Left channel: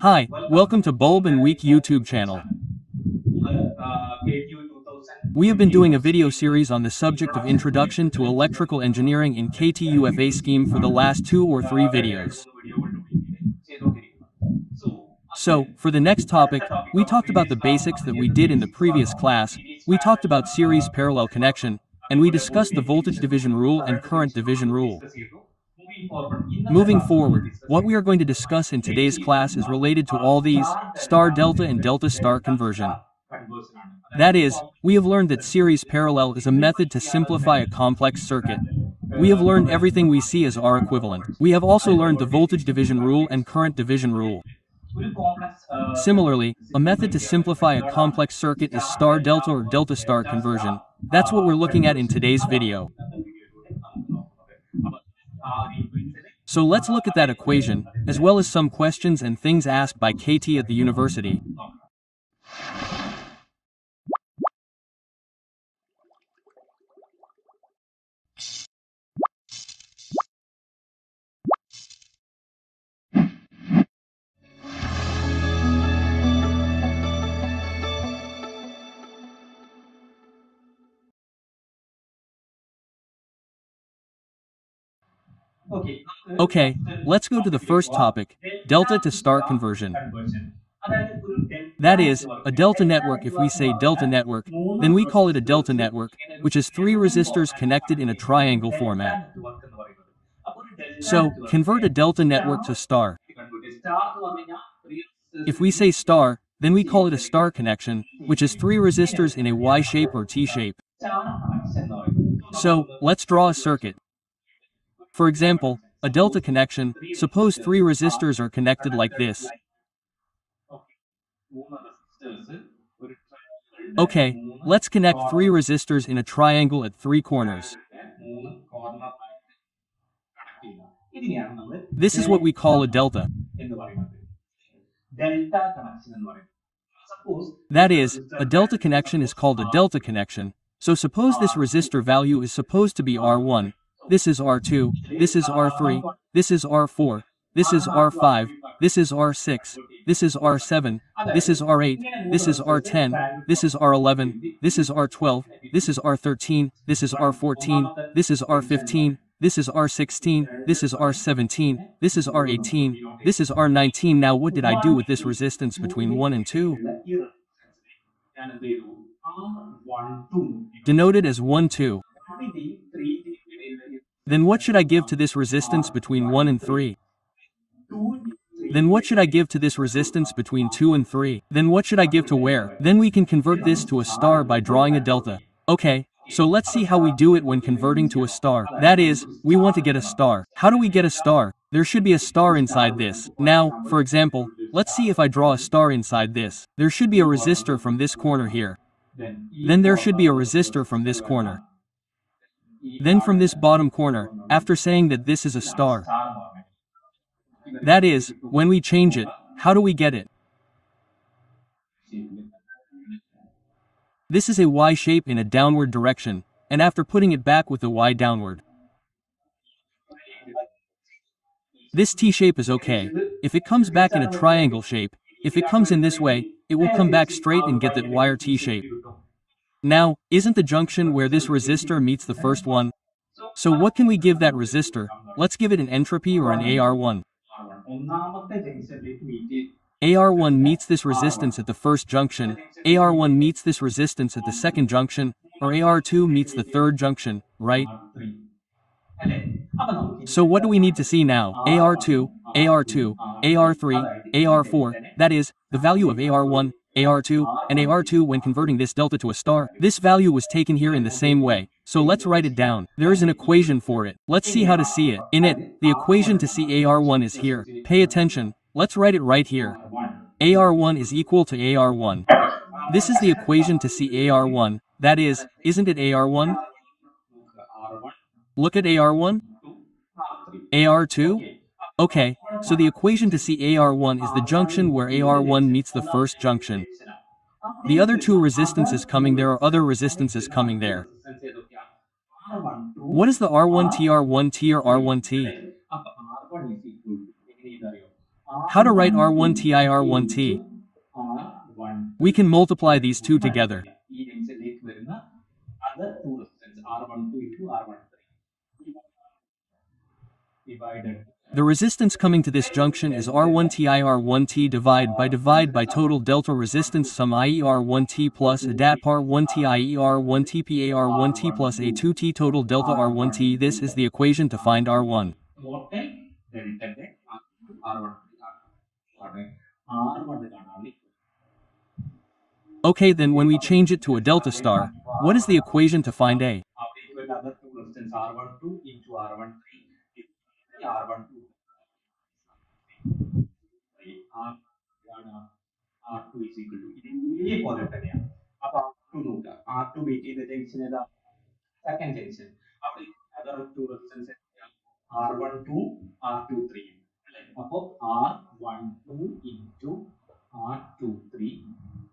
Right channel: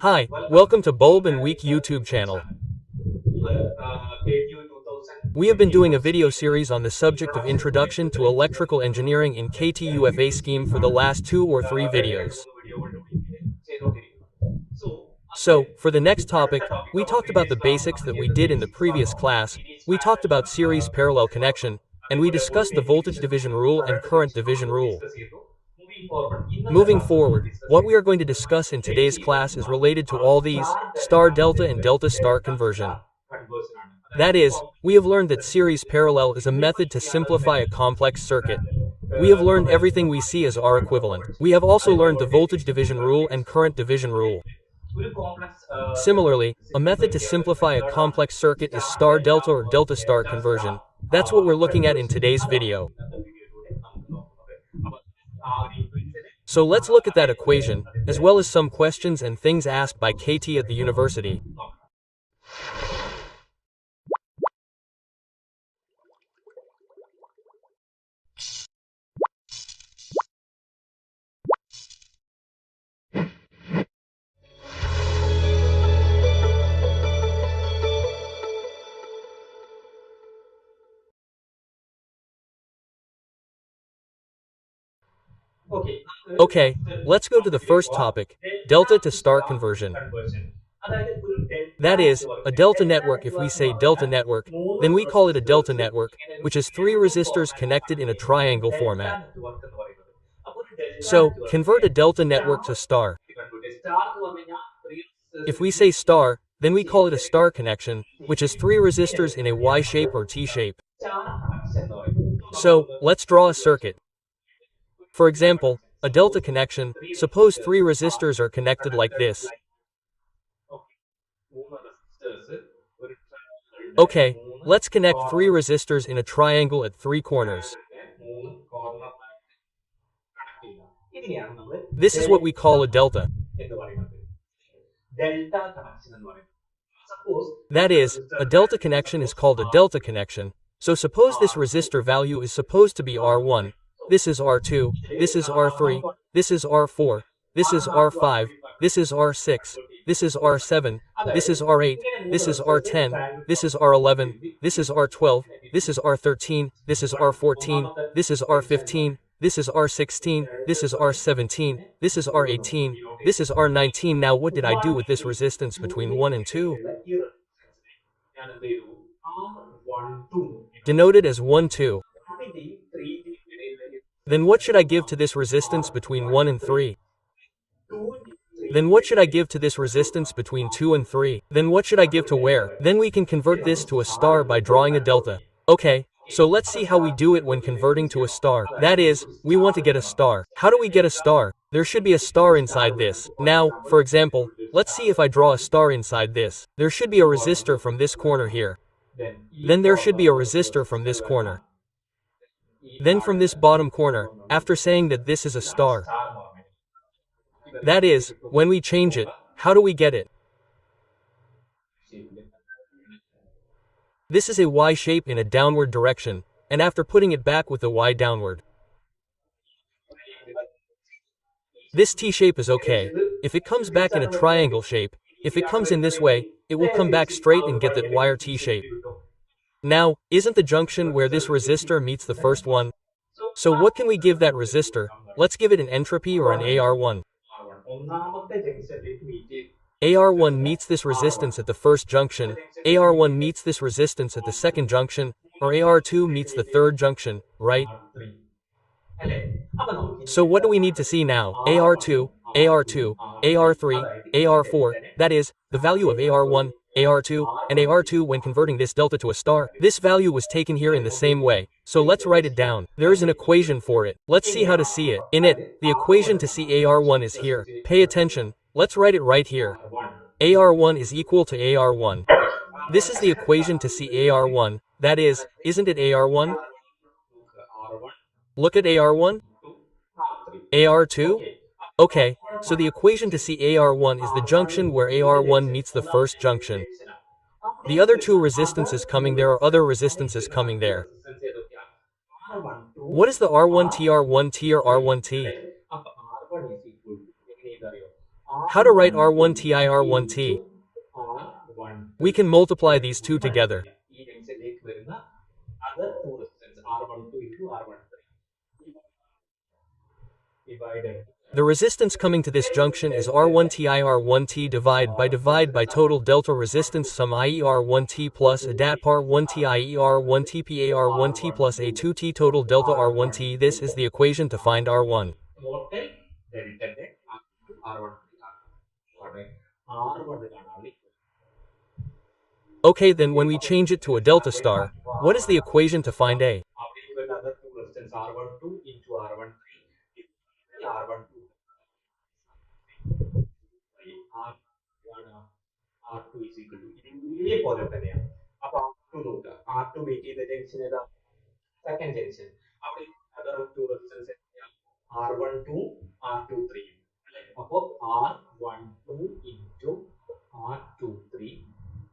Hi, welcome to Bulb and Week YouTube channel. We have been doing a video series on the subject of Introduction to Electrical Engineering in KTUFA scheme for the last 2 or 3 videos. So, for the next topic, we talked about the basics that we did in the previous class, we talked about series parallel connection, and we discussed the voltage division rule and current division rule. Moving forward, what we are going to discuss in today's class is related to all these, star delta and delta star conversion. That is, we have learned that series parallel is a method to simplify a complex circuit. We have learned everything we see as R equivalent. We have also learned the voltage division rule and current division rule. Similarly, a method to simplify a complex circuit is star delta or delta star conversion. That's what we're looking at in today's video. So let's look at that equation, as well as some questions and things asked by KT at the university. Okay, let's go to the first topic, delta to star conversion. That is, a delta network. If we say delta network, then we call it a delta network, which is 3 resistors connected in a triangle format. So, convert a delta network to star. If we say star, then we call it a star connection, which is 3 resistors in a Y shape or T shape. So, let's draw a circuit. For example, a delta connection, suppose 3 resistors are connected like this. Okay, let's connect 3 resistors in a triangle at 3 corners. This is what we call a delta. That is, a delta connection is called a delta connection. So suppose this resistor value is supposed to be R1, this is R2, this is R3, this is R4, this is R5, this is R6, this is R7, this is R8, this is R10, this is R11, this is R12, this is R13, this is R14, this is R15, this is R16, this is R17, this is R18, this is R19. Now what did I do with this resistance between 1 and 2? Denoted as 1, 2. Then what should I give to this resistance between 1 and 3? Then what should I give to this resistance between 2 and 3? Then what should I give to where? Then we can convert this to a star by drawing a delta. Okay, so let's see how we do it when converting to a star. That is, we want to get a star. How do we get a star? There should be a star inside this. Now, for example, let's see if I draw a star inside this. There should be a resistor from this corner here. Then there should be a resistor from this corner. Then from this bottom corner, after saying that this is a star. That is, when we change it, how do we get it? This is a Y shape in a downward direction, and after putting it back with the Y downward. This T shape is okay. If it comes back in a triangle shape, if it comes in this way, it will come back straight and get that Y or T shape. Now, isn't the junction where this resistor meets the first one? So what can we give that resistor? Let's give it an entropy or an AR1. AR1 meets this resistance at the first junction, AR1 meets this resistance at the second junction, or AR2 meets the third junction, right? So what do we need to see now? AR2, AR2, AR3, AR4, that is, the value of AR1, AR2, and AR2 when converting this delta to a star. This value was taken here in the same way, so let's write it down. There is an equation for it. Let's see how to see it. In it, the equation to see AR1 is here. Pay attention. Let's write it right here. AR1 is equal to AR1. This is the equation to see AR1, that is, isn't it AR1? Look at AR1. AR2? Okay, so the equation to see AR1 is the junction where AR1 meets the first junction. The other 2 resistances coming there are other resistances coming there. What is the R1T, R1T, or R1T? How to write R1T R1T? We can multiply these two together. The resistance coming to this junction is R1T R1T divide by total delta resistance sum i.e. R1T plus ADAT PART-4 i.e. R1T PAR1T plus A2T total delta R1T. This is the equation to find R1. Okay, then when we change it to a delta star, what is the equation to find A?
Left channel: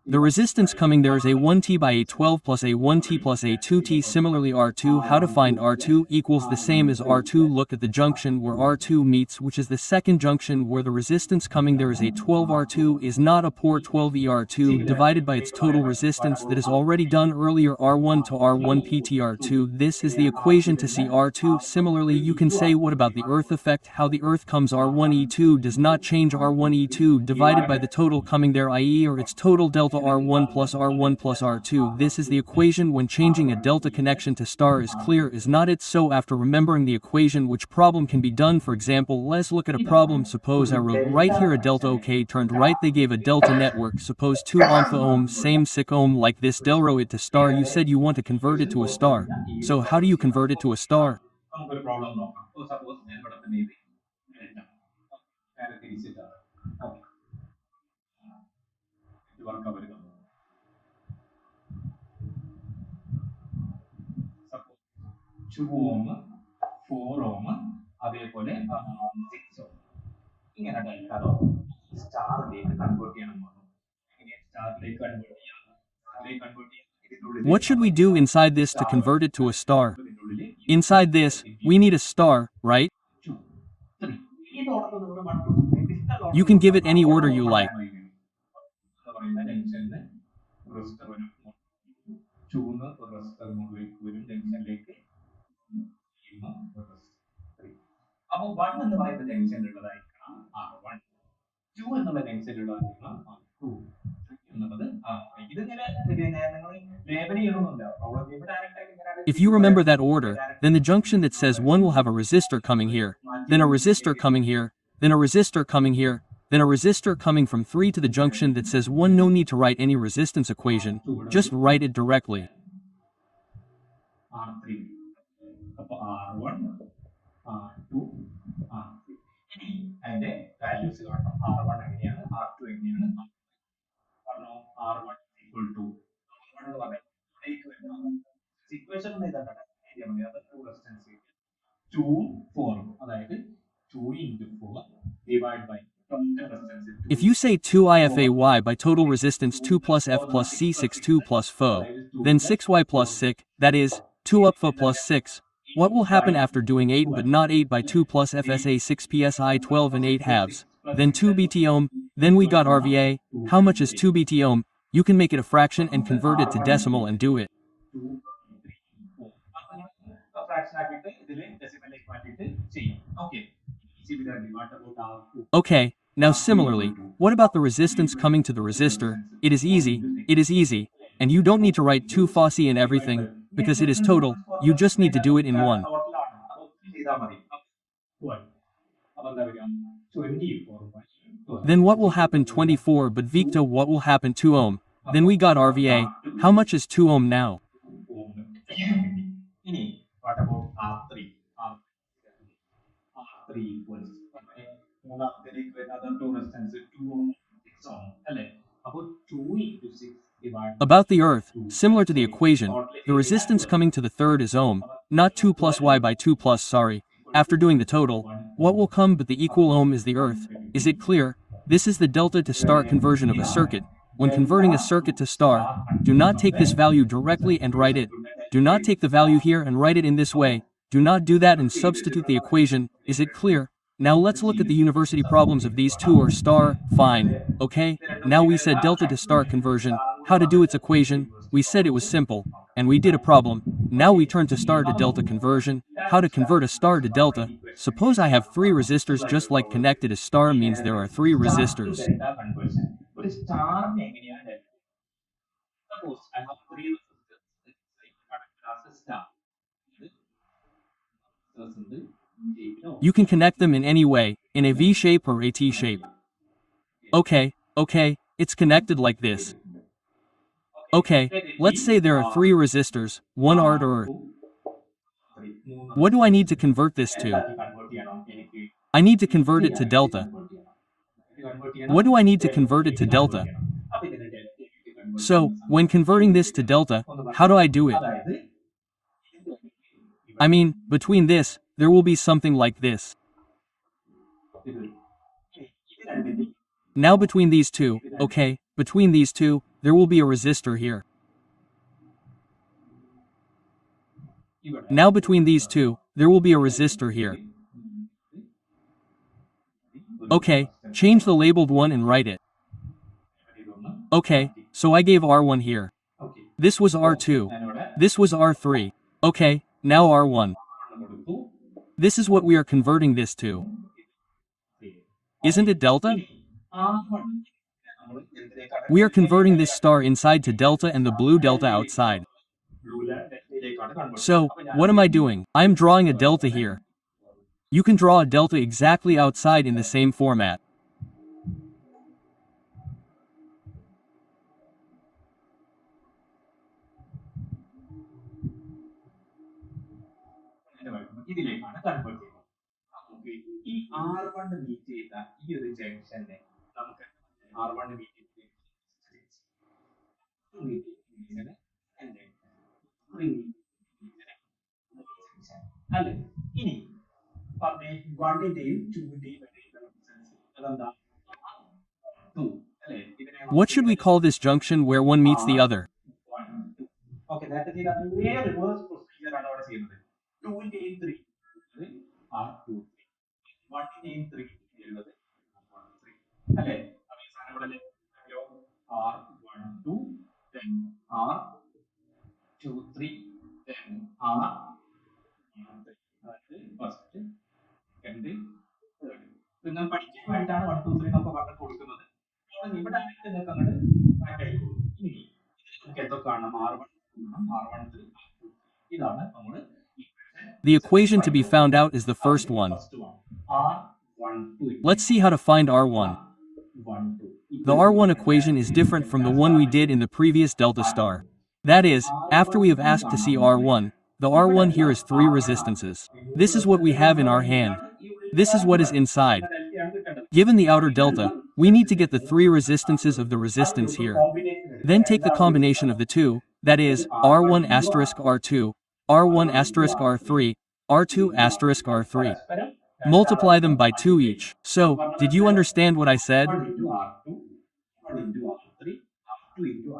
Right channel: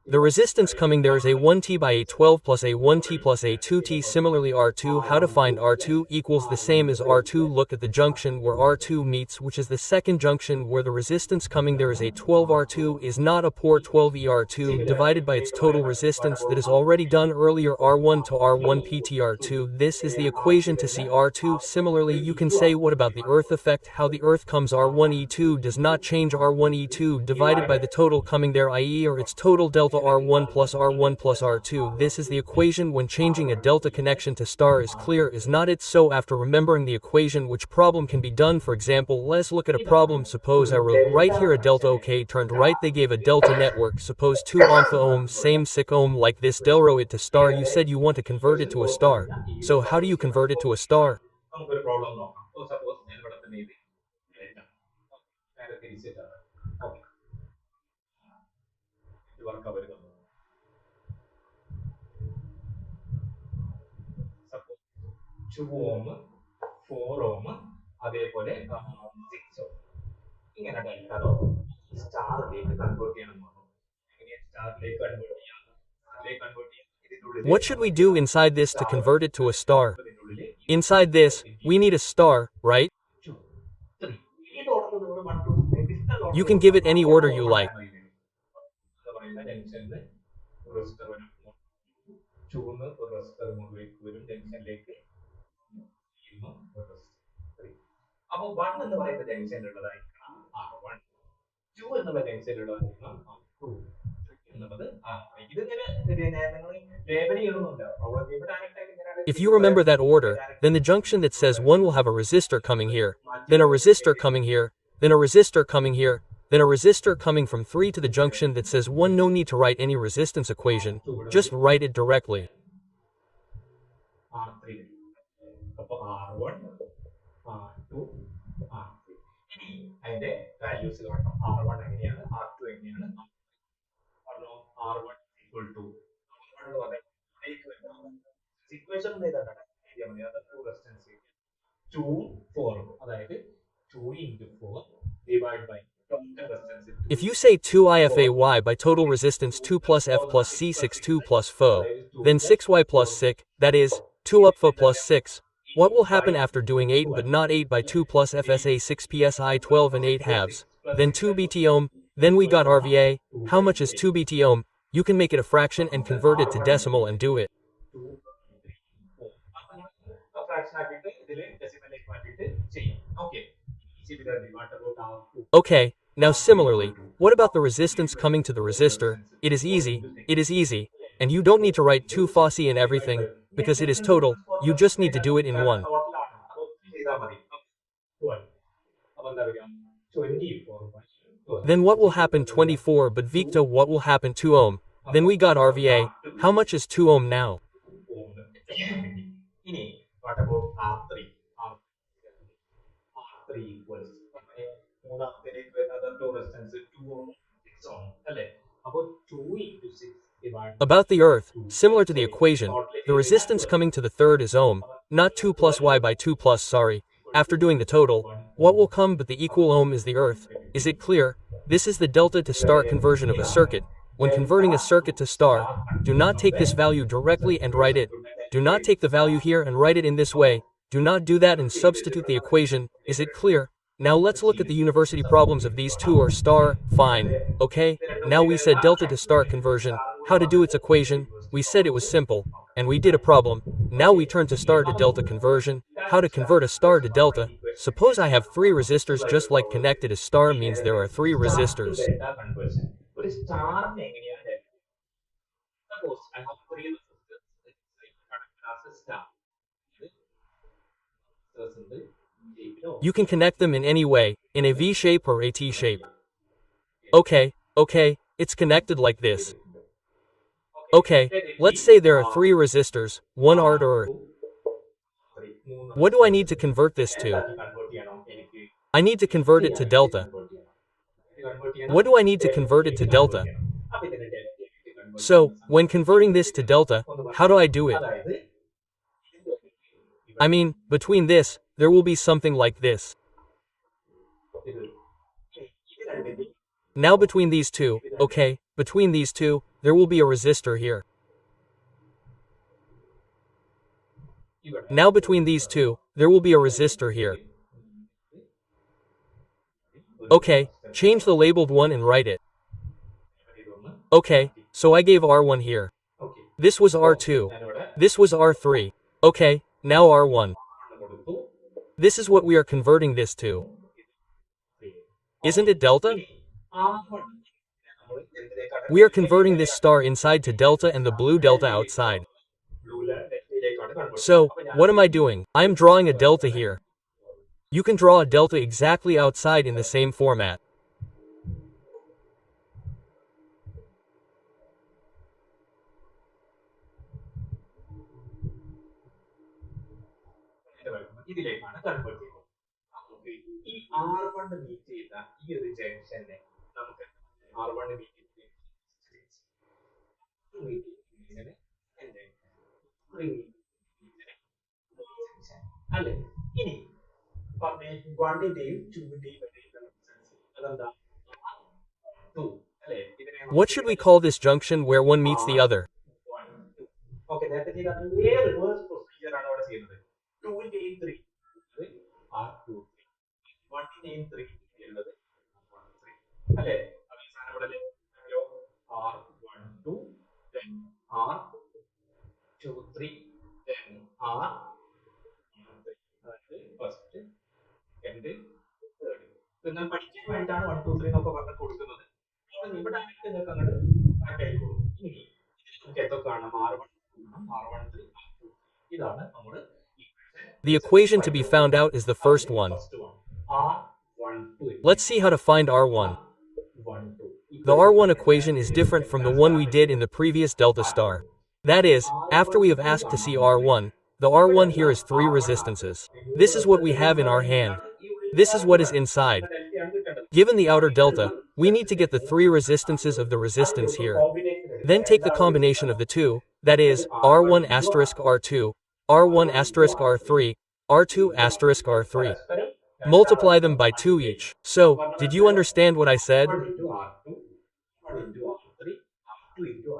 The resistance coming there is A1T by A12 plus A1T plus A2T. Similarly R2, how to find R2 equals the same as R2. Look at the junction where R2 meets, which is the second junction where the resistance coming there is A12. R2 is not a port 12 ER2 divided by its total resistance that is already done earlier R1 to R1 PTR2. This is the equation to see R2. Similarly, you can say what about the earth effect, how the earth comes R1E2 does not change R1E2 divided by the total coming there, i.e. or its total delta R1 plus R2. This is the equation when changing a delta connection to star is clear, is not it? So after remembering the equation, which problem can be done? For example, let's look at a problem. Suppose I wrote right here a delta, okay, turned right, they gave a delta network, suppose 2 alpha ohm, same 6 ohm like this, del row it to star. You said you want to convert it to a star. So how do you convert it to a star? What should we do inside this to convert it to a star? Inside this, we need a star, right? You can give it any order you like. If you remember that order, then the junction that says 1 will have a resistor coming here, then a resistor coming here, then a resistor coming here, then a resistor coming from 3 to the junction that says 1. No need to write any resistance equation, just write it directly. If you say 2 IFAY by total resistance 2 plus F plus C6 2 plus FO, then 6Y plus 6, that is, 2 UPFA plus 6, what will happen after doing 8 but not 8 by 2 plus FSA 6 PSI 12 and 8 halves, then 2 BT ohm, then we got RVA, how much is 2 BT ohm? You can make it a fraction and convert it to decimal and do it. Okay, now similarly, what about the resistance coming to the resistor? It is easy, and you don't need to write 2 Fossey and everything, because it is total, you just need to do it in one. Then what will happen 24 but Victa, what will happen 2 ohm? Then we got RVA, how much is 2 ohm now? About the earth, similar to the equation, the resistance coming to the third is ohm, not 2 plus Y by 2 plus, sorry. After doing the total, what will come but the equal ohm is the earth. Is it clear? This is the delta to star conversion of a circuit. When converting a circuit to star, do not take this value directly and write it. Do not take the value here and write it in this way. Do not do that and substitute the equation. Is it clear? Now let's look at the university problems of these two or star, fine, okay? Now we said delta to star conversion, how to do its equation, we said it was simple, and we did a problem. Now we turn to star to delta conversion, how to convert a star to delta. Suppose I have three resistors just like connected as star means there are three resistors. You can connect them in any way, in a V shape or a T shape. Okay, it's connected like this. Okay, let's say there are three resistors, one R to R. What do I need to convert this to? I need to convert it to delta. What do I need to convert it to delta? So, when converting this to delta, how do I do it? I mean, between this, there will be something like this. Now between these two, okay, between these two, there will be a resistor here. Now between these two, there will be a resistor here. Okay, change the labeled one and write it. Okay, so I gave R1 here. This was R2. This was R3. Okay, now R1. This is what we are converting this to. Isn't it delta? We are converting this star inside to delta and the blue delta outside. So, what am I doing? I am drawing a delta here. You can draw a delta exactly outside in the same format. What should we call this junction where one meets the other? The equation to be found out is the first one. Let's see how to find R1. The R1 equation is different from the one we did in the previous delta star. That is, after we have asked to see R1, the R1 here is three resistances. This is what we have in our hand. This is what is inside. Given the outer delta, we need to get the three resistances of the resistance here. Then take the combination of the two, that is, R1 asterisk R2, R1 asterisk R3, R2 asterisk R3. Multiply them by 2 each. So, did you understand what I said?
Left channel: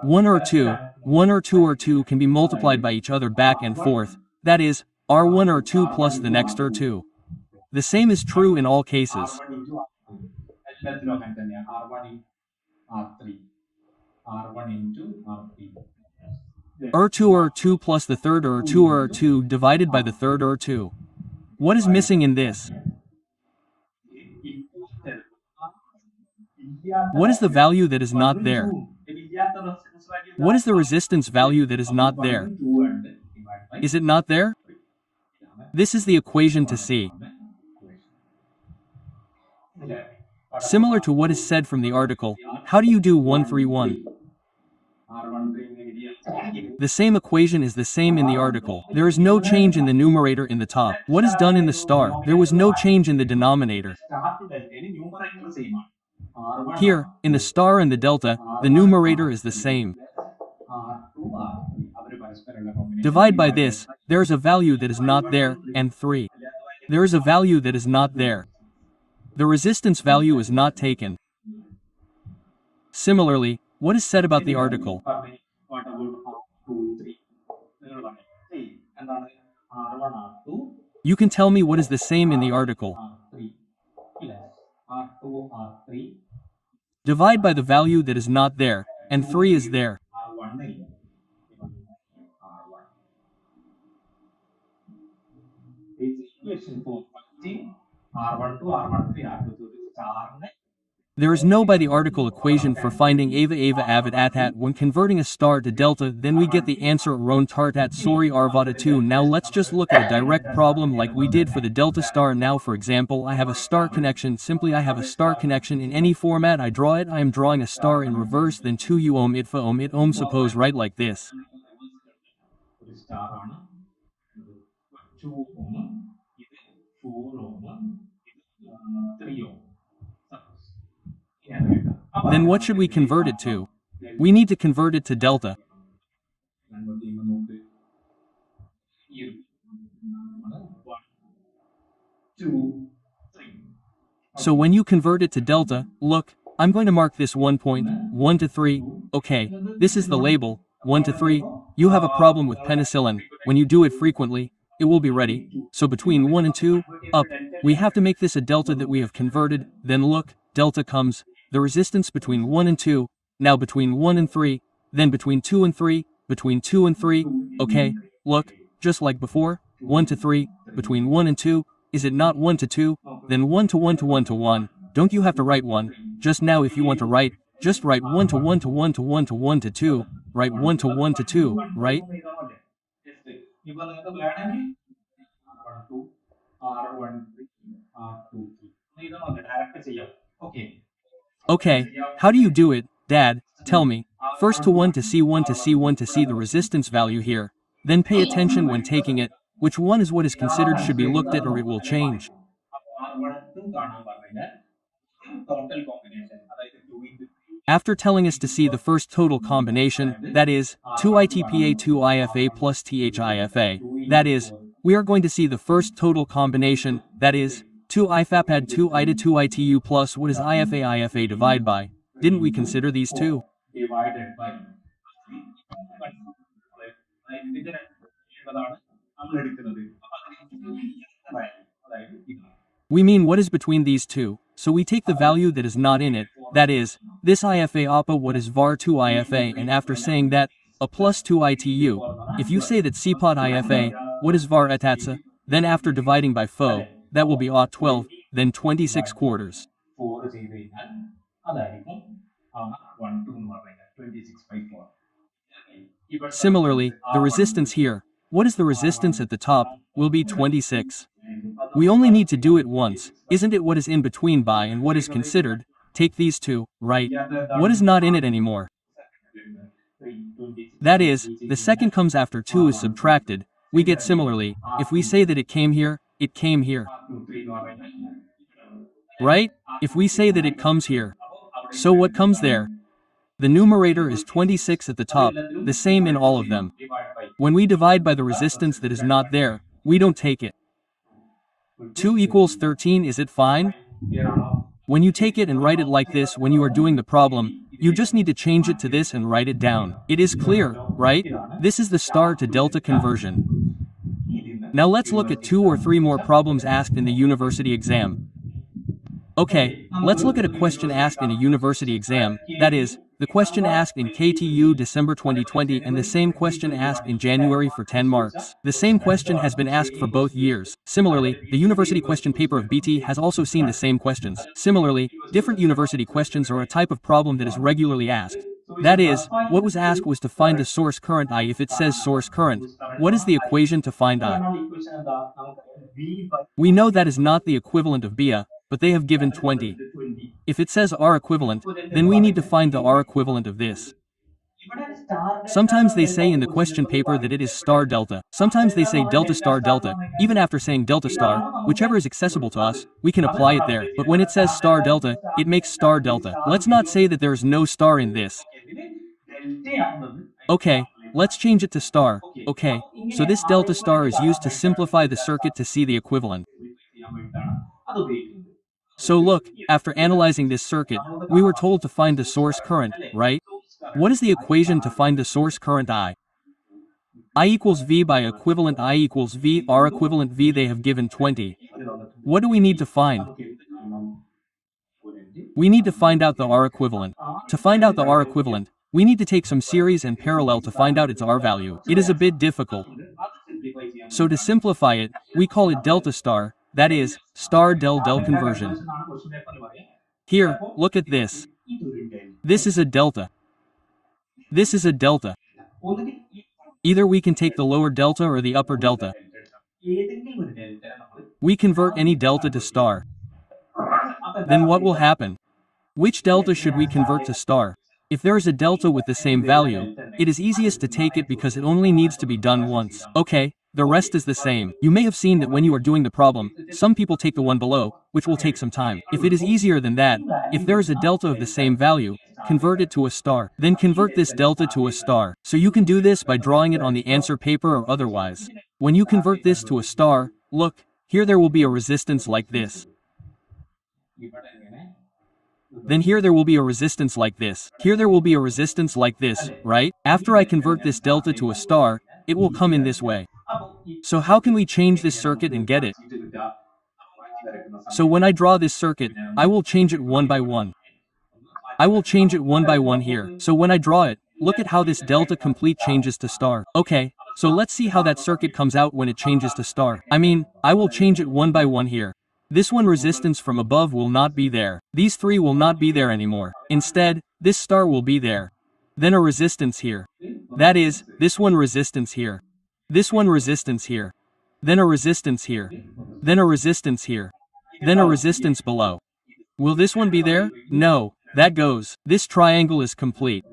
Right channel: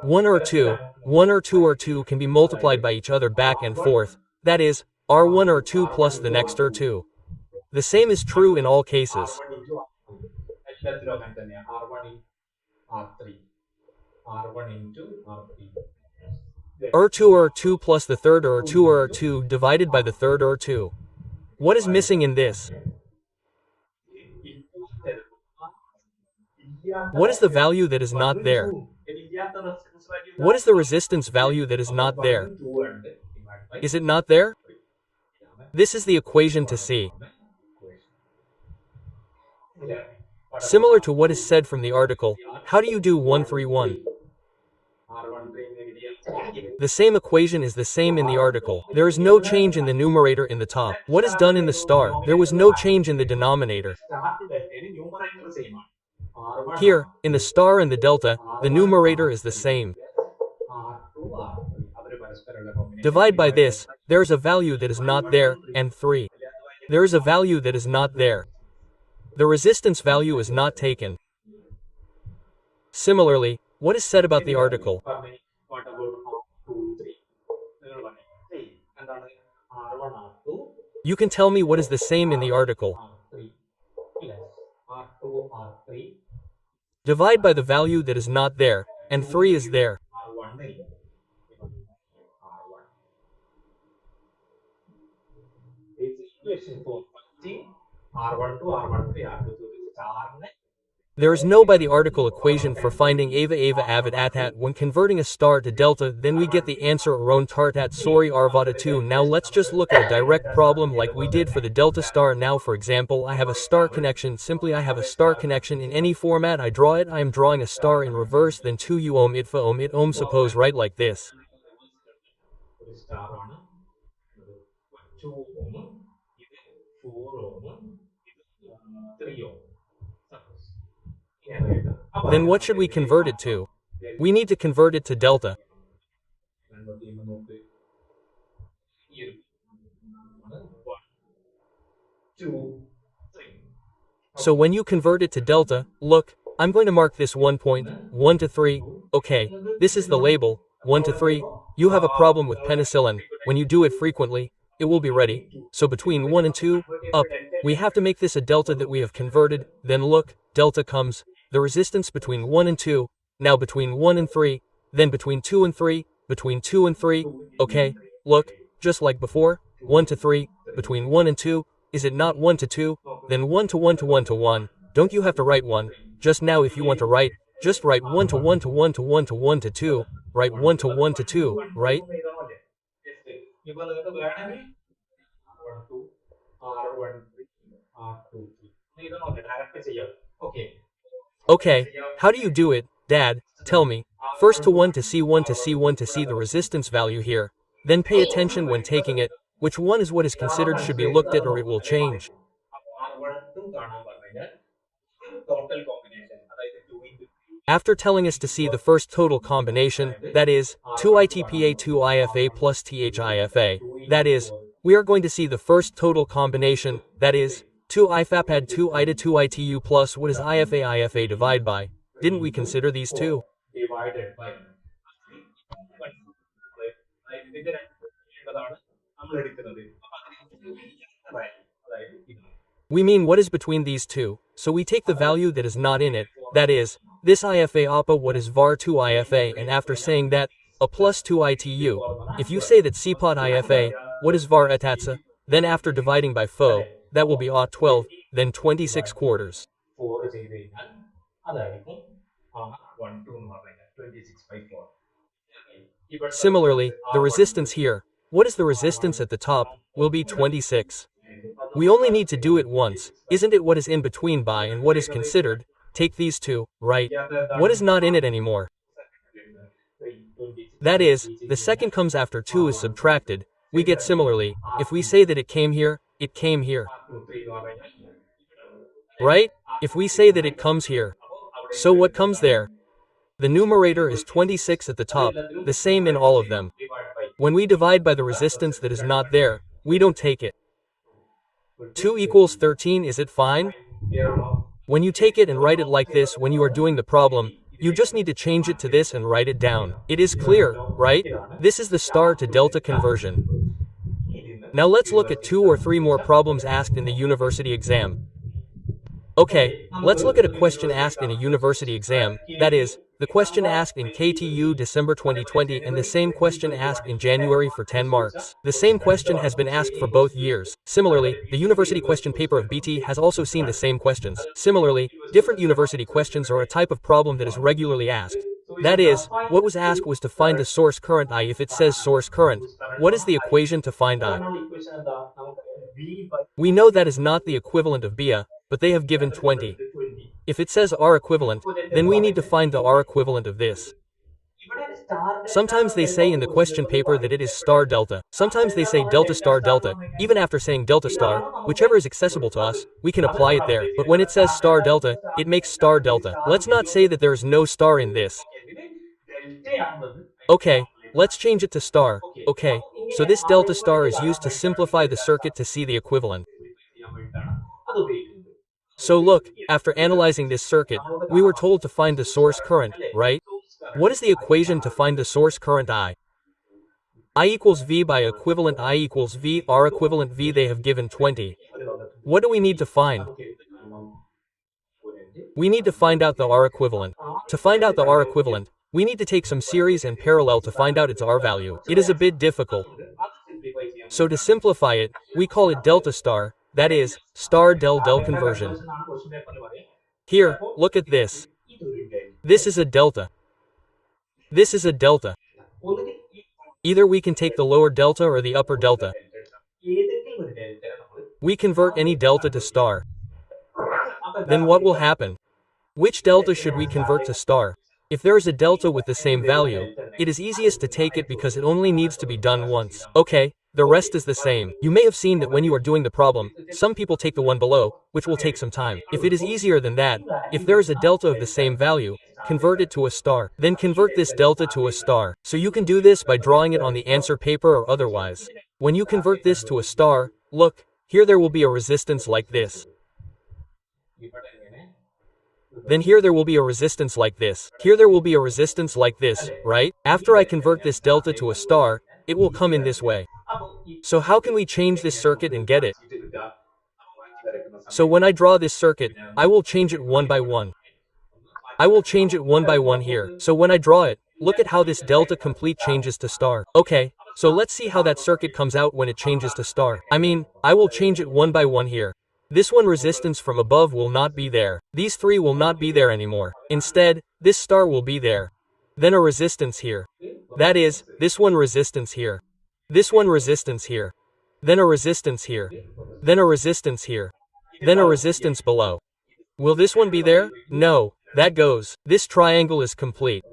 1 or 2, 1 or 2 or 2 can be multiplied by each other back and forth, that is, R1 or 2 plus the next or 2. The same is true in all cases. R2 or 2 plus the third or 2 or 2 divided by the third or 2. What is missing in this? What is the value that is not there? What is the resistance value that is not there? Is it not there? This is the equation to see. Similar to what is said from the article, how do you do 131? The same equation is the same in the article. There is no change in the numerator in the top. What is done in the star? There was no change in the denominator. Here, in the star and the delta, the numerator is the same. Divide by this, there is a value that is not there, and 3. There is a value that is not there. The resistance value is not taken. Similarly, what is said about the article? You can tell me what is the same in the article. Divide by the value that is not there, and 3 is there. There is no by the article equation for finding ava avid atat when converting a star to delta, then we get the answer around tartat sorry arvada 2. Now let's just look at a direct problem like we did for the delta star. Now for example, I have a star connection. Simply I have a star connection in any format I draw it. I am drawing a star in reverse, then 2 u ohm itfa ohm it ohm. Suppose right like this. Then what should we convert it to? We need to convert it to delta. So when you convert it to delta, look, I'm going to mark this 1 point, 1 to 3, okay, this is the label, 1 to 3, you have a problem with penicillin, when you do it frequently, it will be ready, so between 1 and 2, up, we have to make this a delta that we have converted, then look, delta comes, the resistance between 1 and 2, now between 1 and 3, then between 2 and 3, between 2 and 3, okay, look, just like before, 1 to 3, between 1 and 2, is it not 1 to 2? Then 1 to 1 to 1 to 1. Don't you have to write 1? Just now if you want to write, just write 1 to 1 to 1 to 1 to 1 to 2. Write 1 to 1 to 2, right? Okay, how do you do it, Dad? Tell me. First to 1 to see 1 to see 1 to see the resistance value here. Then pay attention when taking it. Which one is what is considered should be looked at or it will change. After telling us to see the first total combination, that is, 2ITPA 2IFA plus THIFA, that is, we are going to see the first total combination, that is, 2IFAPAD 2ITA 2ITU plus what is IFA divide by. Didn't we consider these two? We mean what is between these two, so we take the value that is not in it, that is, this IFA APA what is var 2 IFA and after saying that, a plus 2 ITU, if you say that CPOT IFA, what is var etatsa, then after dividing by fo, that will be aught 12, then 26 quarters. Similarly, the resistance here, what is the resistance at the top, will be 26. We only need to do it once, isn't it what is in between by and what is considered, take these two, right? What is not in it anymore? That is, the second comes after 2 is subtracted, we get similarly, if we say that it came here, it came here. Right? If we say that it comes here. So what comes there? The numerator is 26 at the top, the same in all of them. When we divide by the resistance that is not there, we don't take it. 2 equals 13, is it fine? When you take it and write it like this when you are doing the problem, you just need to change it to this and write it down. It is clear, right? This is the star to delta conversion. Now let's look at 2 or 3 more problems asked in the university exam. Okay, let's look at a question asked in a university exam, that is, the question asked in KTU December 2020 and the same question asked in January for 10 marks. The same question has been asked for both years. Similarly, the university question paper of BT has also seen the same questions. Similarly, different university questions are a type of problem that is regularly asked. That is, what was asked was to find the source current I. If it says source current, what is the equation to find I? We know that is not the equivalent of BA, but they have given 20. If it says R equivalent, then we need to find the R equivalent of this. Sometimes they say in the question paper that it is star delta. Sometimes they say delta star delta. Even after saying delta star, whichever is accessible to us, we can apply it there. But when it says star delta, it makes star delta. Let's not say that there is no star in this. Okay, let's change it to star. Okay, so this delta star is used to simplify the circuit to see the equivalent. So look, after analyzing this circuit, we were told to find the source current, right? What is the equation to find the source current I? I equals V by equivalent I equals V, R equivalent V they have given 20. What do we need to find? We need to find out the R equivalent. To find out the R equivalent, we need to take some series and parallel to find out its R value. It is a bit difficult. So to simplify it, we call it delta star, that is, star del del conversion. Here, look at this. This is a delta. This is a delta. Either we can take the lower delta or the upper delta. We convert any delta to star. Then what will happen? Which delta should we convert to star? If there is a delta with the same value, it is easiest to take it because it only needs to be done once. Okay, the rest is the same. You may have seen that when you are doing the problem, some people take the one below, which will take some time. If it is easier than that, if there is a delta of the same value, convert it to a star. Then convert this delta to a star. So you can do this by drawing it on the answer paper or otherwise. When you convert this to a star, look, here there will be a resistance like this. Then here there will be a resistance like this. Here there will be a resistance like this, right? After I convert this delta to a star, it will come in this way. So how can we change this circuit and get it? So when I draw this circuit, I will change it one by one. I will change it one by one here. So when I draw it, look at how this delta complete changes to star. Okay, so let's see how that circuit comes out when it changes to star. I will change it one by one here. This one resistance from above will not be there. These three will not be there anymore. Instead, this star will be there. Then a resistance here. That is, this one resistance here. This one resistance here. Then a resistance here. Then a resistance here. Then a resistance below. Will this one be there? No, that goes. This triangle is complete.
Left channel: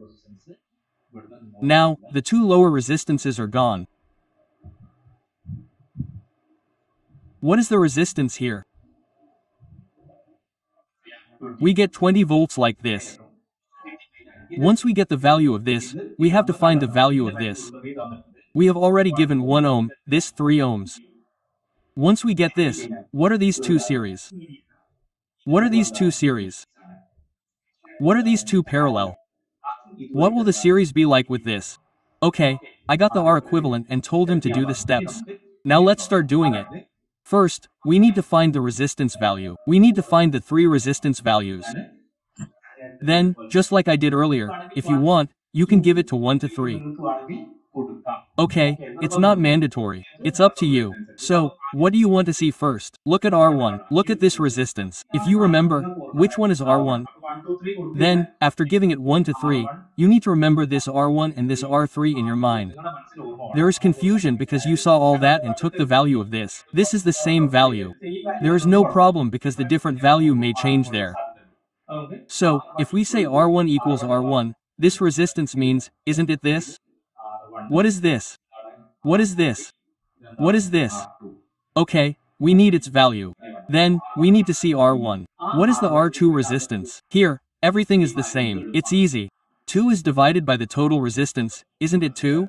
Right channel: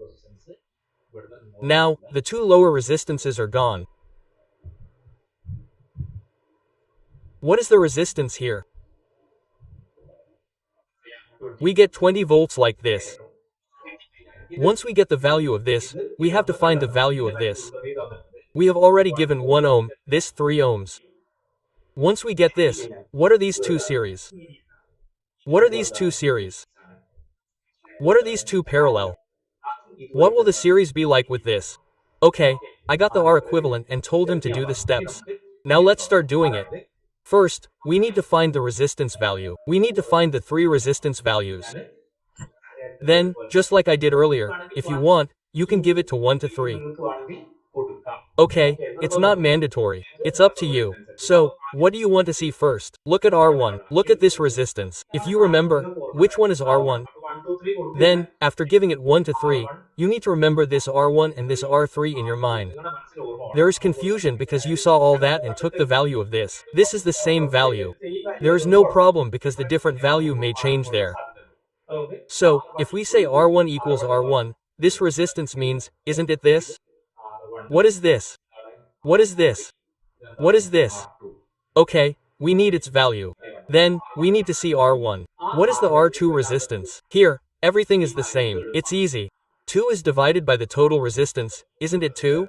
Now, the two lower resistances are gone. What is the resistance here? We get 20 volts like this. Once we get the value of this, we have to find the value of this. We have already given 1 ohm, this 3 ohms. Once we get this, what are these two series? What are these two series? What are these two parallel? What will the series be like with this? Okay, I got the R equivalent and told him to do the steps. Now let's start doing it. First, we need to find the resistance value. We need to find the three resistance values. Then, just like I did earlier, if you want, you can give it to 1 to 3. Okay, it's not mandatory. It's up to you. So, what do you want to see first? Look at R1. Look at this resistance. If you remember, which one is R1? Then, after giving it 1 to 3, you need to remember this R1 and this R3 in your mind. There is confusion because you saw all that and took the value of this. This is the same value. There is no problem because the different value may change there. So, if we say R1 equals R1, this resistance means, isn't it this? What is this? What is this? What is this? Okay, we need its value. Then, we need to see R1. What is the R2 resistance? Here, everything is the same. It's easy. 2 is divided by the total resistance, isn't it 2?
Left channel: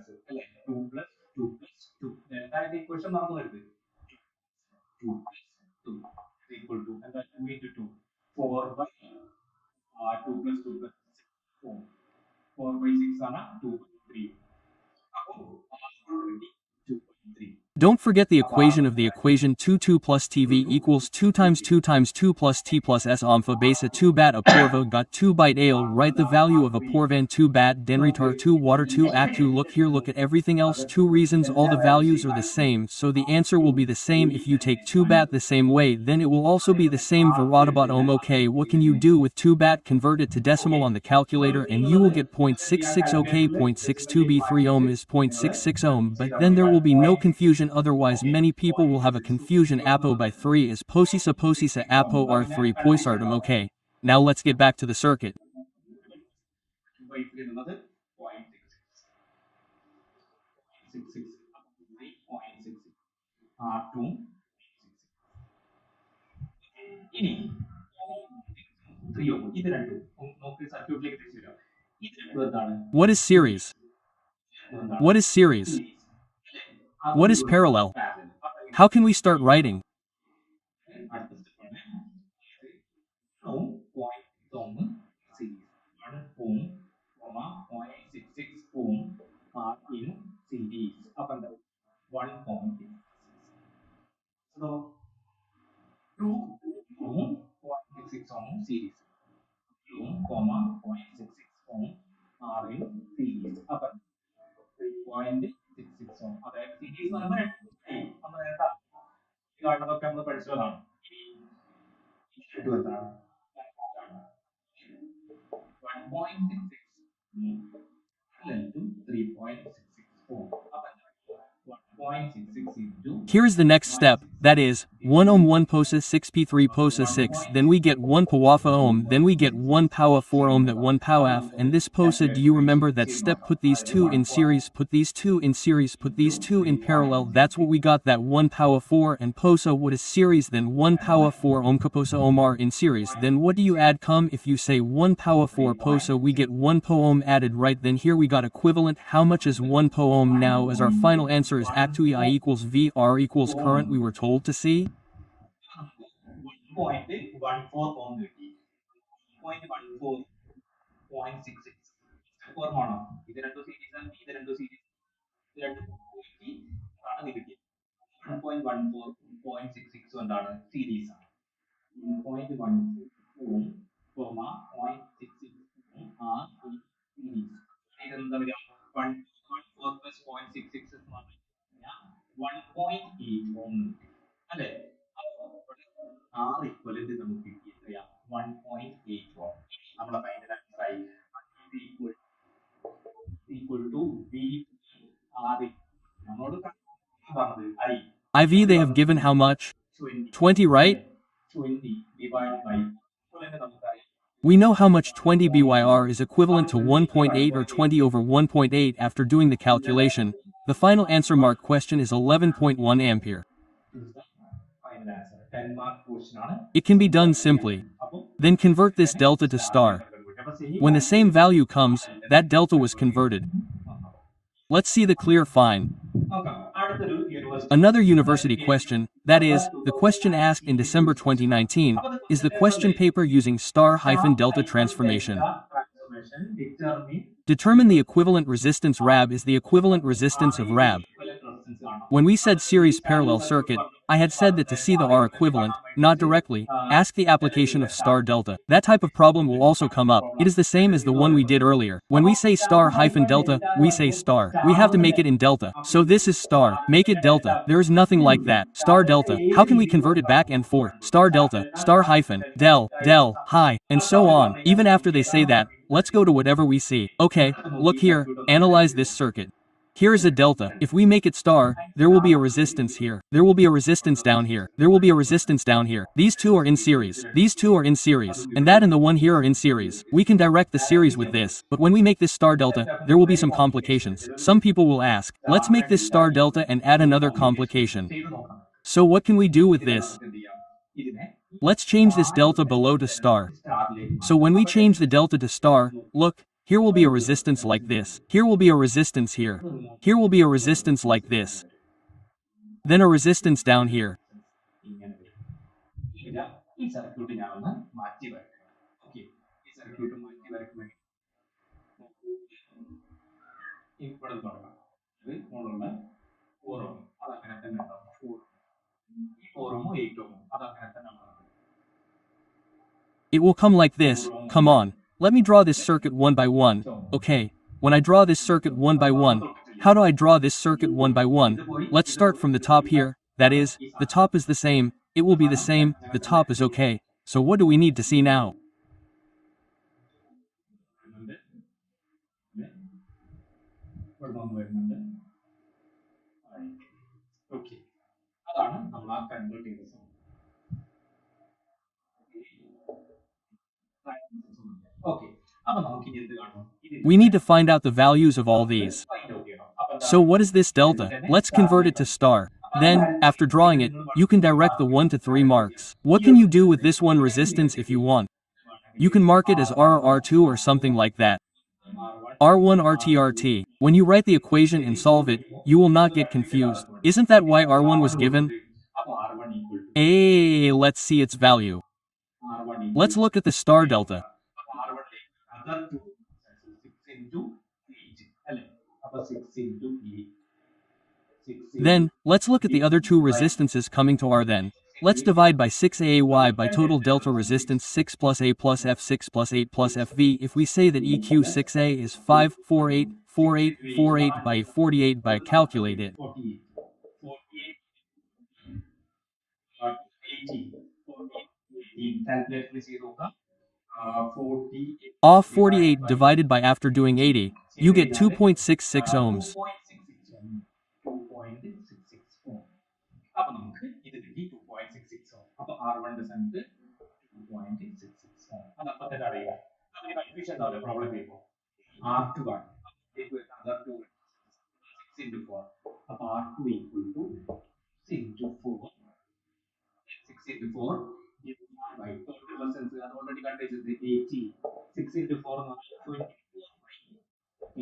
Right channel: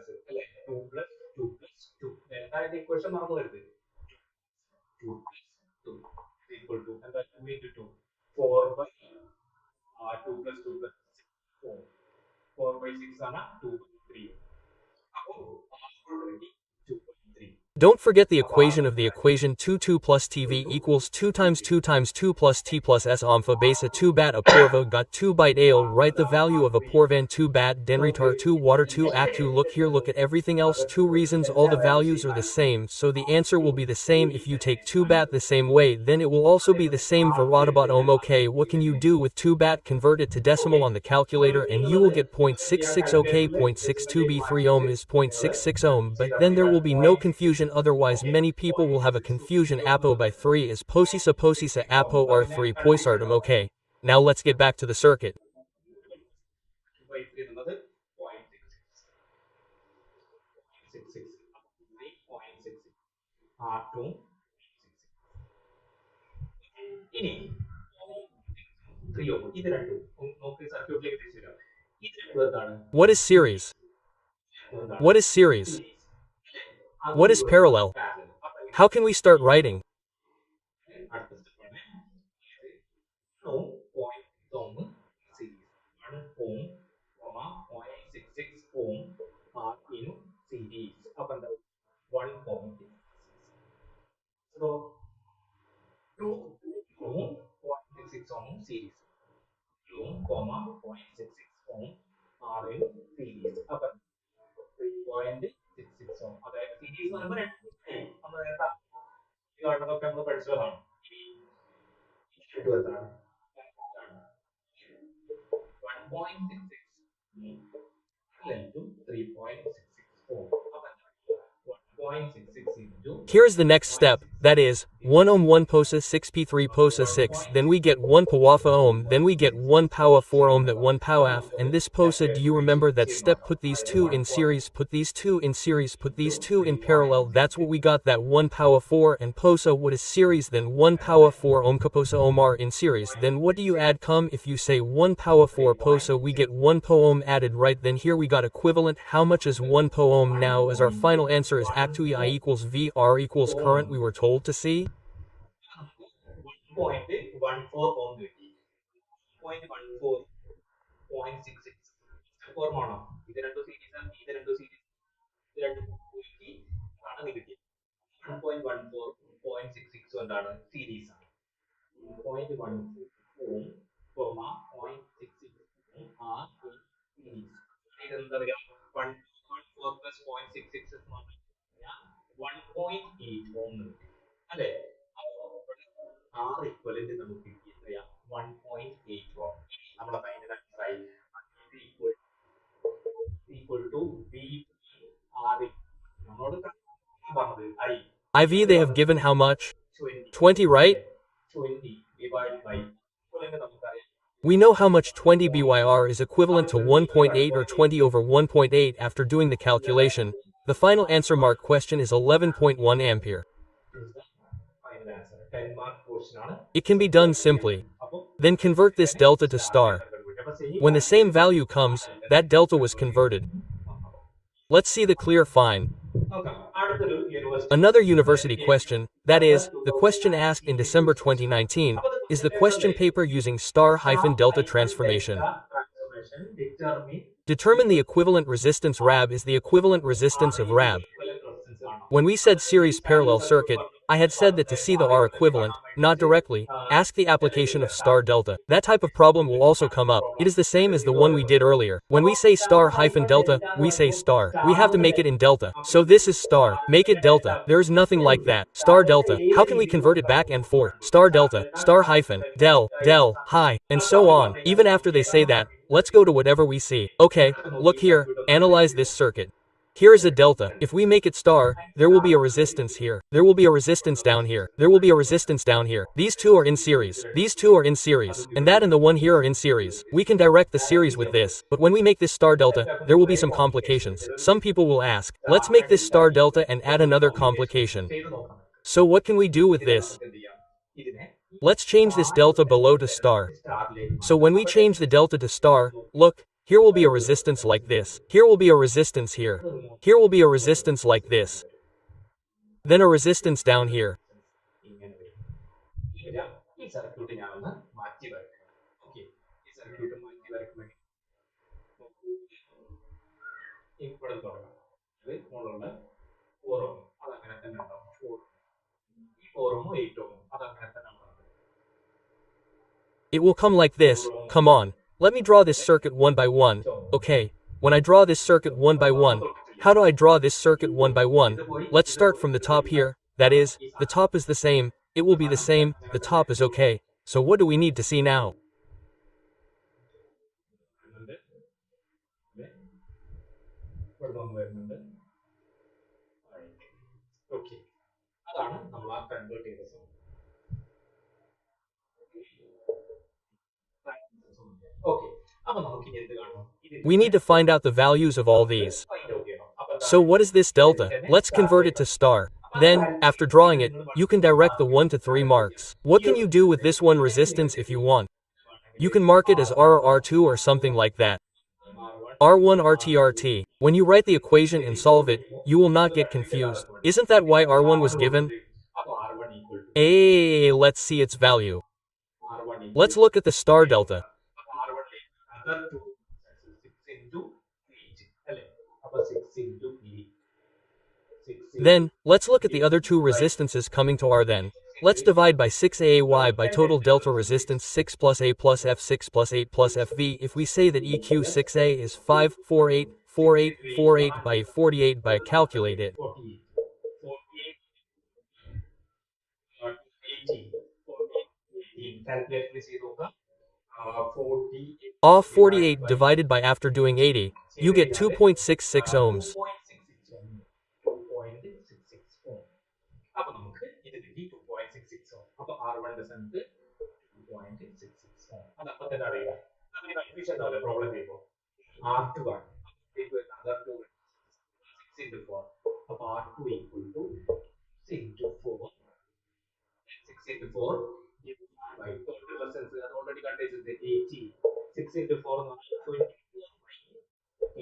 Don't forget the equation of the equation 2 plus TV equals 2 times 2 times 2 plus T plus S alpha base 2 bat a porvo got 2 byte ale. Write the value of a porvan 2 bat denritar 2 water 2 act 2. Look here, look at everything else. 2 reasons all the values are the same, so the answer will be the same. If you take 2 bat the same way, then it will also be the same. Varadabat ohm. Okay, what can you do with 2 bat? Convert it to decimal on the calculator and you will get 0.66. Okay, 0.62 b 3 ohm is 0.66 ohm, but then there will be no confusion. Otherwise many people will have a confusion. Apo by 3 is posisa apo R3 poisartum. Okay, now let's get back to the circuit. What is series? What is series? What is parallel? How can we start writing? 2,0.66 ohm are in series. അപ്പം 3.66 ohm. അതായത് series എന്ന് പറയുമ്പോൾ നമ്മൾ നേരത്തെ കാണുന്നതൊക്കെ നമ്മൾ പഠിച്ചതാണ്. Into എത്രയാണ്? 1.66 parallel to 3.66 ohm. അപ്പം 1.66 into Here is the next step, that is, 1 ohm 1 posa 6p3 posa 6, then we get 1 pawafa ohm, then we get 1 powa 4 ohm that 1 powaf, and this posa, do you remember that step, put these two in series, put these two in series, put these two in parallel, that's what we got, that 1 powa 4 and posa what is series, then 1 powa 4 ohm kaposa ohm are in series, then what do you add come, if you say 1 powa 4 posa we get 1 po ohm added, right, then here we got equivalent, how much is 1 po ohm now, as our final answer is actually I equals V, R equals current we were told to see. 1.14 ohm കിട്ടി. 0.14 0.66 ഓർമ്മയാണോ? ഇത് രണ്ടും series ആണ്, ഇത് രണ്ടും series, ഇത് രണ്ടും നോക്കി ആണ് ഇത് കിട്ടിയത്. 1.14 0.66 എന്താണ് സീരീസ് ആണ്. 0.14 ഓം കോമ 0.66 ആ സീരീസ്. ഇതെന്താ വരിക? 1.14 പ്ലസ് 0.66 എന്ന് പറഞ്ഞു കഴിഞ്ഞാൽ 1.8 ഓം കിട്ടി അല്ലേ? ആർ ഇക്വലന്റ് നമുക്ക് കിട്ടി എത്രയാ? 1.8 ഓം. നമ്മുടെ ഫൈനൽ ആൻസർ ആയി ഈക്വൽ ടു വി ആർ നമ്മളോട് പറഞ്ഞത് I IV they have given how much? 20 20, right? 20 divide by equivalent നമുക്കറിയാം. We know how much 20 BYR is equivalent to 1.8 or 20 over 1.8 after doing the calculation. The final answer mark question is 11.1 ampere. Final answer 10 mark portion ആണ്. It can be done simply. Then convert this delta to star. When the same value comes, that delta was converted. Let's see the clear fine. അടുത്തൊരു university Another university question, that is, the question asked in December 2019, is the question paper using star-delta transformation. Transformation determine Determine the equivalent resistance RAB is the equivalent resistance of RAB. When we said series parallel circuit, I had said that to see the R equivalent, not directly, ask the application of star delta. That type of problem will also come up. It is the same as the one we did earlier. When we say star-delta, we say star. We have to make it in delta. So this is star. Make it delta. There is nothing like that. Star delta. How can we convert it back and forth? Star delta, star hyphen, del, high, and so on. Even after they say that, let's go to whatever we see. Okay, look here, analyze this circuit. Here is a delta. If we make it star, there will be a resistance here. There will be a resistance down here. There will be a resistance down here. These two are in series. These two are in series. And that and the one here are in series. We can direct the series with this. But when we make this star delta, there will be some complications. Some people will ask, let's make this star delta and add another complication. So what can we do with this? Let's change this delta below to star. So when we change the delta to star, look, here will be a resistance like this. Here will be a resistance here. Here will be a resistance like this. Then a resistance down here. ഈ circuit ഞാൻ ഒന്ന് മാറ്റി വരയ്ക്കണം. Okay, ഈ circuit മാറ്റി വരയ്ക്കുമ്പോൾ ഇവിടെ തുടങ്ങാം. ഇത് മുകളിലുള്ള 4 ഓം അതങ്ങനെ തന്നെ ഉണ്ടാവും. 4 ഈ 4 ഓമോ 8 ഓമോ അതങ്ങനെ തന്നെ ഉണ്ടാവും. It will come like this. Come on. Let me draw this circuit one by one. Okay. When I draw this circuit one by one, how do I draw this circuit one by one? Let's start from the top here. That is, the top is the same. It will be the same. The top is okay. So what do we need to see now? Okay, അതാണ് നമ്മൾ ആ convert ചെയ്ത സമയം. Okay, അപ്പൊ നമുക്ക് ഇനി എന്ത് കാണണം? We need to find out the values of all these. So what is this delta? Let's convert it to star. Then, after drawing it, you can direct the 1 to 3 marks. What can you do with this one resistance if you want? You can mark it as R or R2 or something like that. R1 RT. When you write the equation and solve it, you will not get confused. Isn't that why R1 was given? Hey, let's see its value. Let's look at the star delta. Then, let's look at the other two resistances coming to R then. Let's divide by 6AAY by total delta resistance 6 plus A plus F6 plus 8 plus FV if we say that EQ6A is 5484848 by 48 by calculate it. 48, 48, 18, 48, 18. Calculate please zero ka. 48 Off divided 48 by divided by after doing 80, you get 2.66 ohms. 2.66 ohm. 2.66 ohm. അപ്പൊ നമുക്ക് ഇത് കിട്ടി 2.66 ohm. അപ്പൊ R1 സ്ഥാനത്ത് 2.66 ohm. അത് അപ്പൊ തന്നെ അറിയുക. നമുക്ക് കൺഫ്യൂഷൻ ഉണ്ടാവില്ല പ്രോബ്ലം ചെയ്യുമ്പോൾ. R2 ആണ്. Other two 6 into 4. അപ്പൊ R2 equal to 6 into 4. 6 into 4 divided by total resistance അത് already കണ്ടുവച്ചത് 80. 6 into 4 എന്ന് പറഞ്ഞാൽ 24 by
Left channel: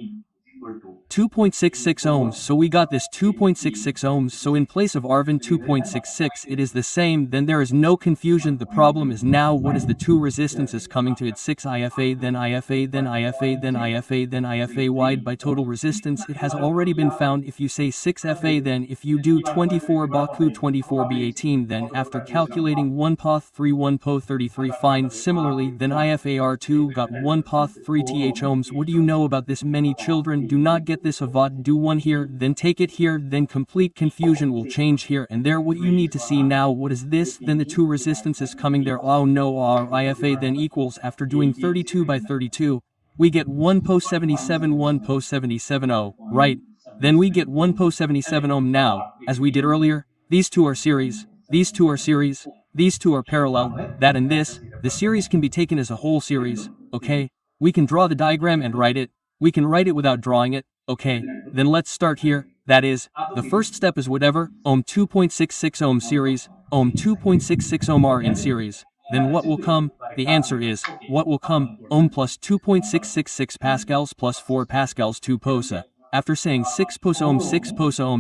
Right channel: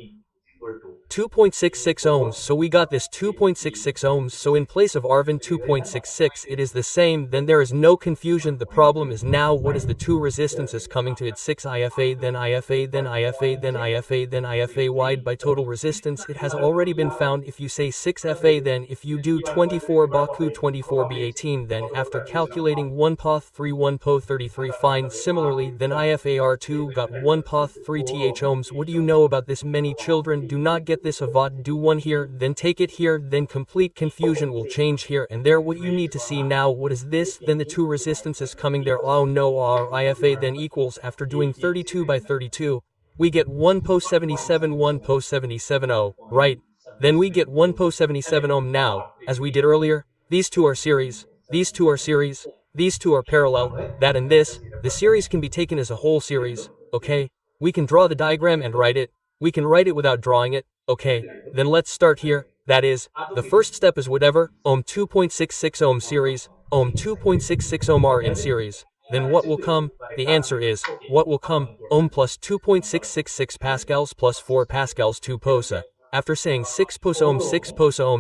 8 equal to 2.66 ohms, so we got this 2.66 ohms, so in place of Arvin 2.66 it is the same, then there is no confusion. The problem is now what is the two resistances coming to it, 6 IFA then IFA then IFA then IFA then IFA wide by total resistance. It has already been found. If you say 6 FA, then if you do 24 Baku 24 B18, then after calculating 1 POth 3 1 Po 33 find similarly, then IFAR2 got 1 POth 3 TH ohms. What do you know about this? Many children do not get this. Avat do one here, then take it here, then complete confusion will change here and there. What you need to see now, what is this? Then the two resistances coming there. Oh no, our IFA then equals, after doing 32 by 32, we get 1 Po 77 1 Po 77 oh, right? Then we get 1 Po 77 ohm now, as we did earlier. These two are series, these two are series, these two are parallel, that and this. The series can be taken as a whole series, okay? We can draw the diagram and write it. We can write it without drawing it, okay? Then let's start here. That is, the first step is whatever, ohm 2.66 ohm series, ohm 2.66 ohm are in series. Then what will come? The answer is, what will come? Ohm plus 2.666 pascals plus 4 pascals 2 posa. After saying 6 posa ohm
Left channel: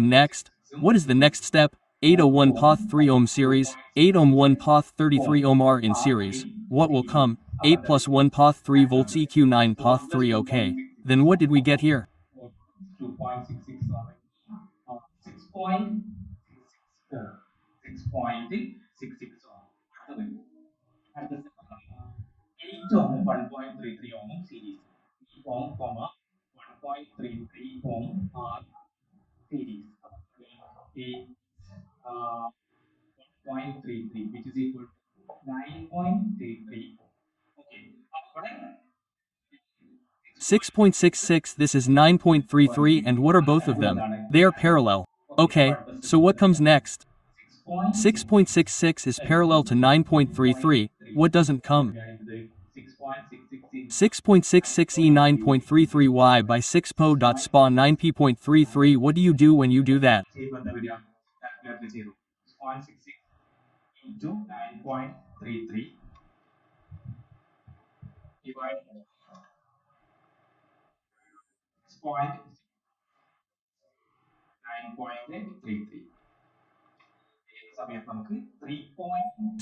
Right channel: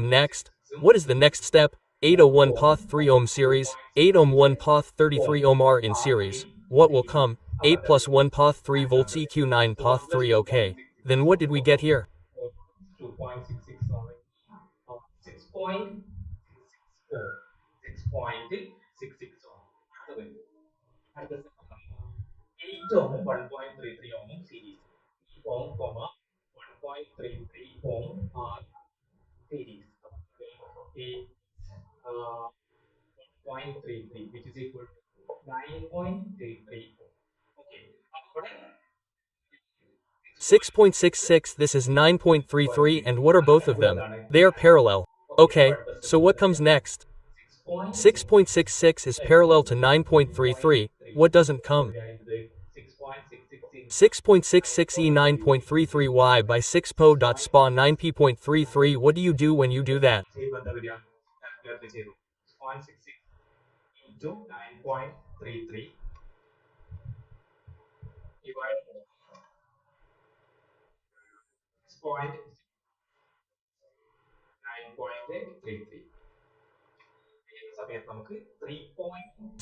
next, what is the next step? 801 POth 3 ohm series, 8 ohm 1 POth 33 ohm are in series. What will come? 8 plus 1 POth 3 volts EQ 9 POth 3 okay. Then what did we get here? 2.66 6.64 6.66 അടുത്ത 8 ohm 1.33 ohm series 8 ohm 1.33 ohm series 1.33 which is equal to 9.33 ohm. Okay, അപ്പോൾ 6.66, this is 9.33, and what are both of them? They are parallel. Okay, so what comes next? 6.66 is parallel to 9.33, what doesn't come? 6.66 E 9.33Y by 6 Po dot spa 9P.33. What do you do when you do that? 6.66 into 9.33 divided by 6.9.33 സമയത്ത് നമുക്ക്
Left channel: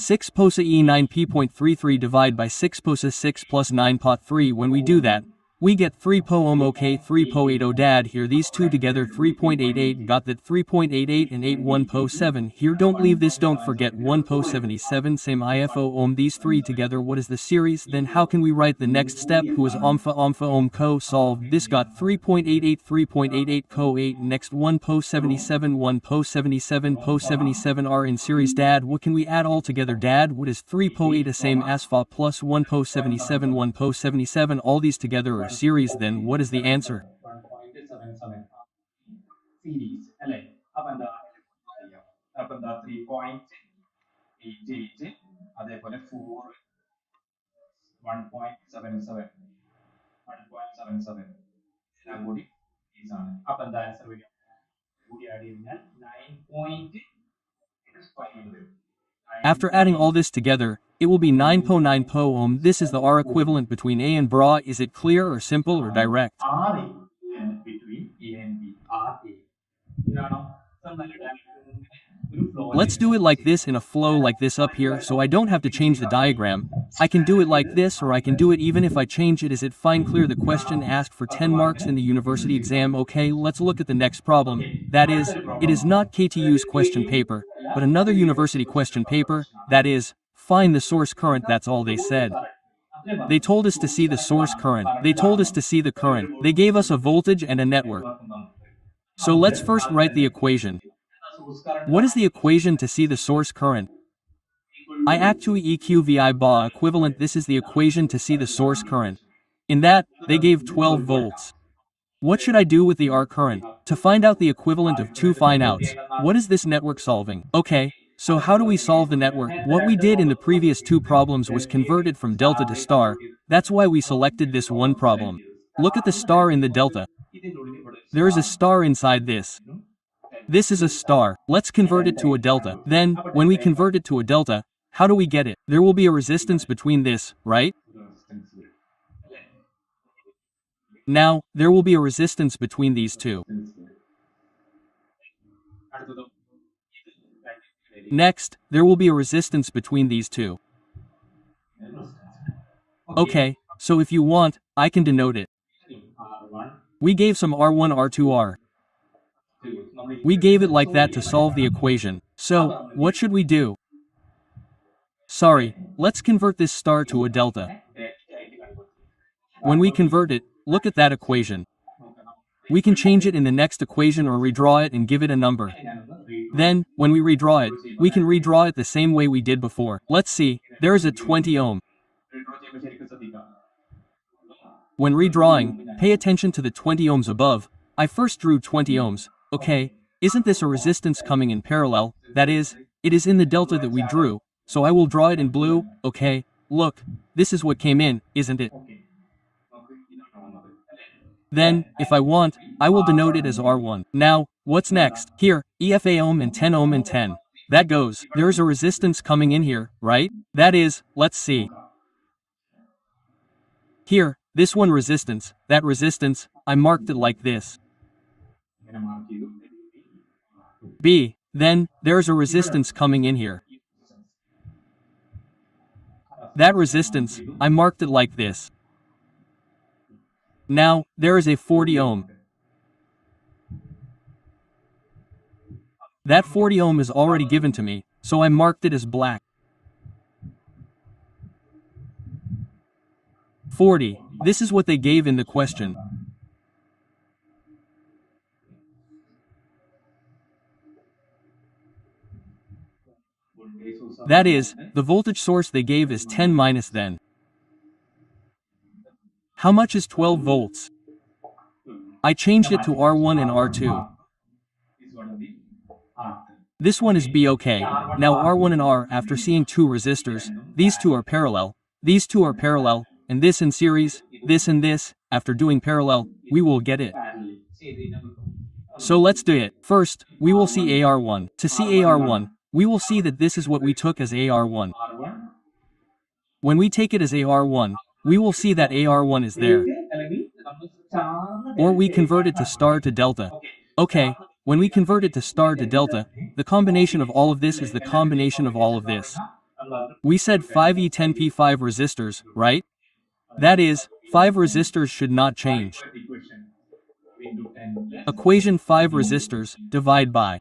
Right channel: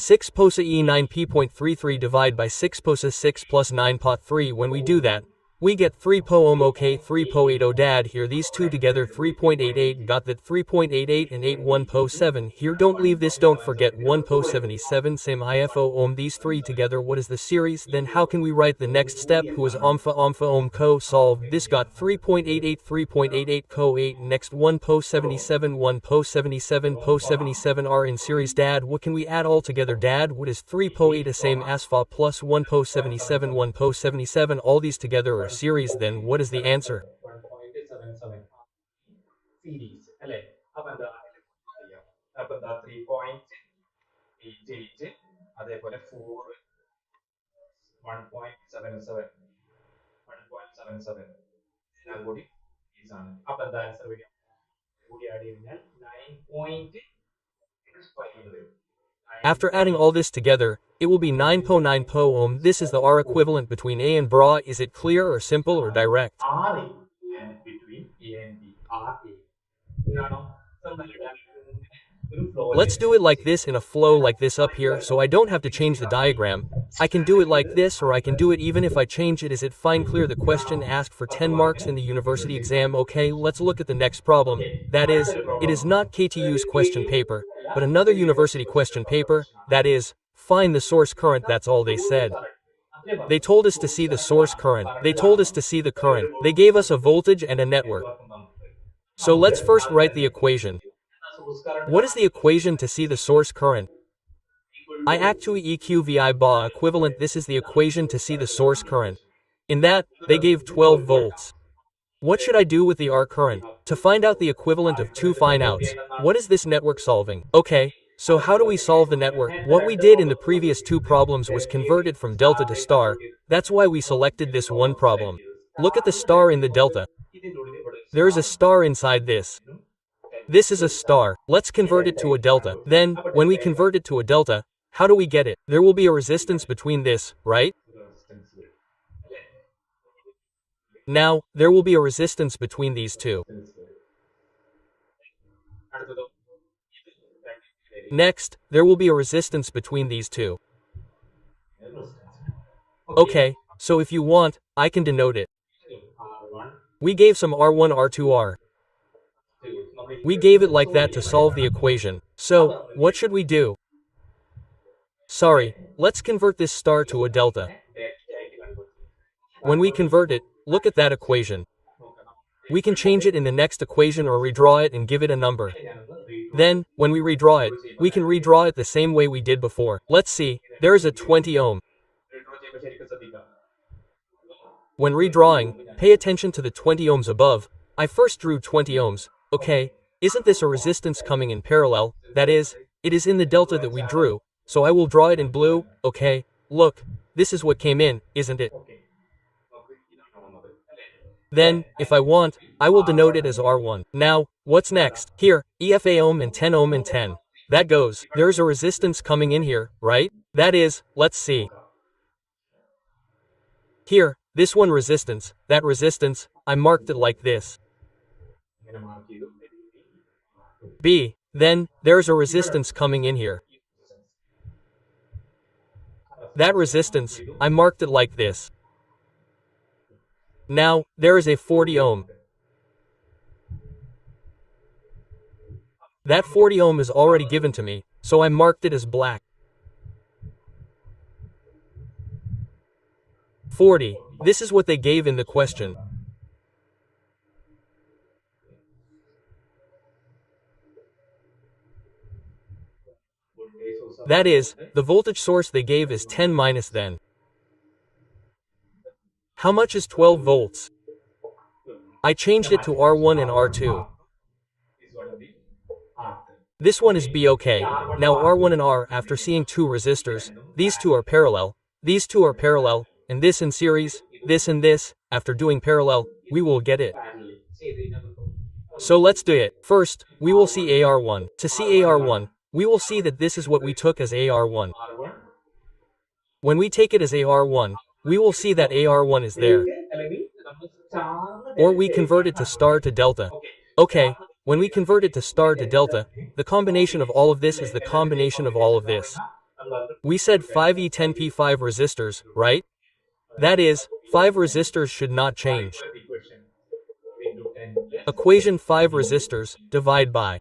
6 posa E 9P.33 divide by 6 posa 6 plus 9 pot 3. When we do that, we get 3 po ohm. Okay, 3 po 8 oh dad here, these two together 3.88, got that 3.88 and 8 1 po 7 here. Don't leave this, don't forget 1 po 77 same IFO ohm, these three together. What is the series? Then how can we write the next step? Who is ompha ohm co solved? This got 3.88 3.88 co 8. Next 1 po 77 1 po 77 po 77 are in series. Dad, what can we add all together? Dad, what is 3 po 8 a same asphalt plus 1 po 77 1 po 77, all these together are series. Then what is the answer? 1.77 series അല്ലേ അപ്പൊ എന്താ 3.88 അതേപോലെ 4 1.77 എല്ലാം കൂടി series ആണ് അപ്പൊ എന്താ answer വരിക കൂടി ആഡ് ചെയ്താൽ 9.65 എന്ന് വരും. After adding all this together, it will be 9 po 9 po ohm. This is the R equivalent between A and bra. Is it clear or simple or direct? R equivalent between A and B. R A. ഇതാണോ? Let's do it like this, in a flow like this up here, so I don't have to change the diagram. I can do it like this, or I can do it even if I change it. Is it fine? Clear? The question asked for 10 marks in the university exam. Okay, let's look at the next problem. That is, it is not KTU's question paper. but another university question paper, that is, find the source current, that's all they said. They told us to see the source current, they told us to see the current, they gave us a voltage and a network. So let's first write the equation. What is the equation to see the source current? I actually EQVI bar equivalent, this is the equation to see the source current. In that, they gave 12 volts. What should I do with the R current? To find out the equivalent of 2 find outs, what is this network solving? Okay, so how do we solve the network? What we did in the previous two problems was convert it from delta to star, that's why we selected this one problem. Look at the star in the delta. There is a star inside this. This is a star. Let's convert it to a delta. Then, when we convert it to a delta, how do we get it? There will be a resistance between this, right? Now, there will be a resistance between these two. Next, there will be a resistance between these two. Okay, so if you want, I can denote it. We gave some R1, R2, R. We gave it like that to solve the equation. So, what should we do? Sorry, let's convert this star to a delta. When we convert it, look at that equation. We can change it in the next equation or redraw it and give it a number. Then, when we redraw it, we can redraw it the same way we did before. Let's see, there is a 20 ohm. When redrawing, pay attention to the 20 ohms above. I first drew 20 ohms, okay? Isn't this a resistance coming in parallel? That is, it is in the delta that we drew, so I will draw it in blue, okay? Look, this is what came in, isn't it? Then, if I want, I will denote it as R1. Now, what's next? Here, EFA ohm and 10 ohm and 10. That goes, there's a resistance coming in here, right? That is, let's see. Here, this one resistance, that resistance, I marked it like this. B. Then, there's a resistance coming in here. That resistance, I marked it like this. Now, there is a 40 ohm. That 40 ohm is already given to me, so I marked it as black. 40. This is what they gave in the question. That is, the voltage source they gave is 10 minus then. How much is 12 volts? I changed it to R1 and R2. This one is B, okay. Now R1 and R, after seeing two resistors, these two are parallel, and this in series, this and this, after doing parallel, we will get it. So let's do it. First, we will see AR1. To see AR1, we will see that this is what we took as AR1. When we take it as AR1, we will see that AR1 is there. Or we convert it to star to delta. Okay, when we convert it to star to delta, the combination of all of this is the combination of all of this. We said 5E10P5 resistors, right? That is, 5 resistors should not change. Equation 5 resistors, divide by.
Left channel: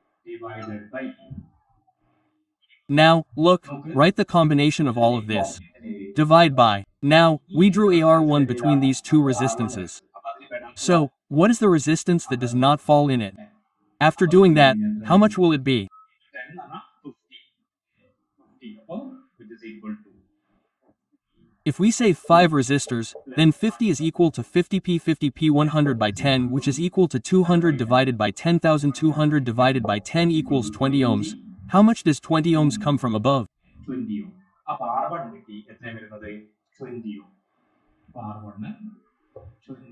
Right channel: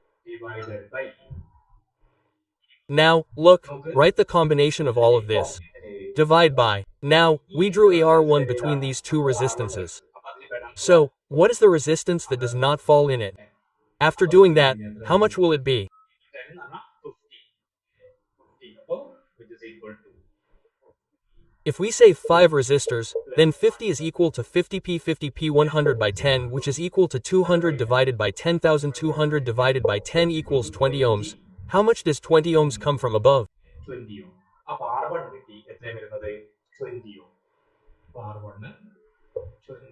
Now, look, write the combination of all of this. Divide by. Now, we drew AR1 between these two resistances. So, what is the resistance that does not fall in it? After doing that, how much will it be? If we say 5 resistors, then 50 is equal to 50p 100 by 10, which is equal to 200 divided by 10,000. 200 divided by 10 equals 20 ohms. How much does 20 ohms come from above? 20 ohm. അപ്പോൾ R1 കിട്ടി എത്രയും വരുന്നത് 20 ohm. അപ്പോൾ R1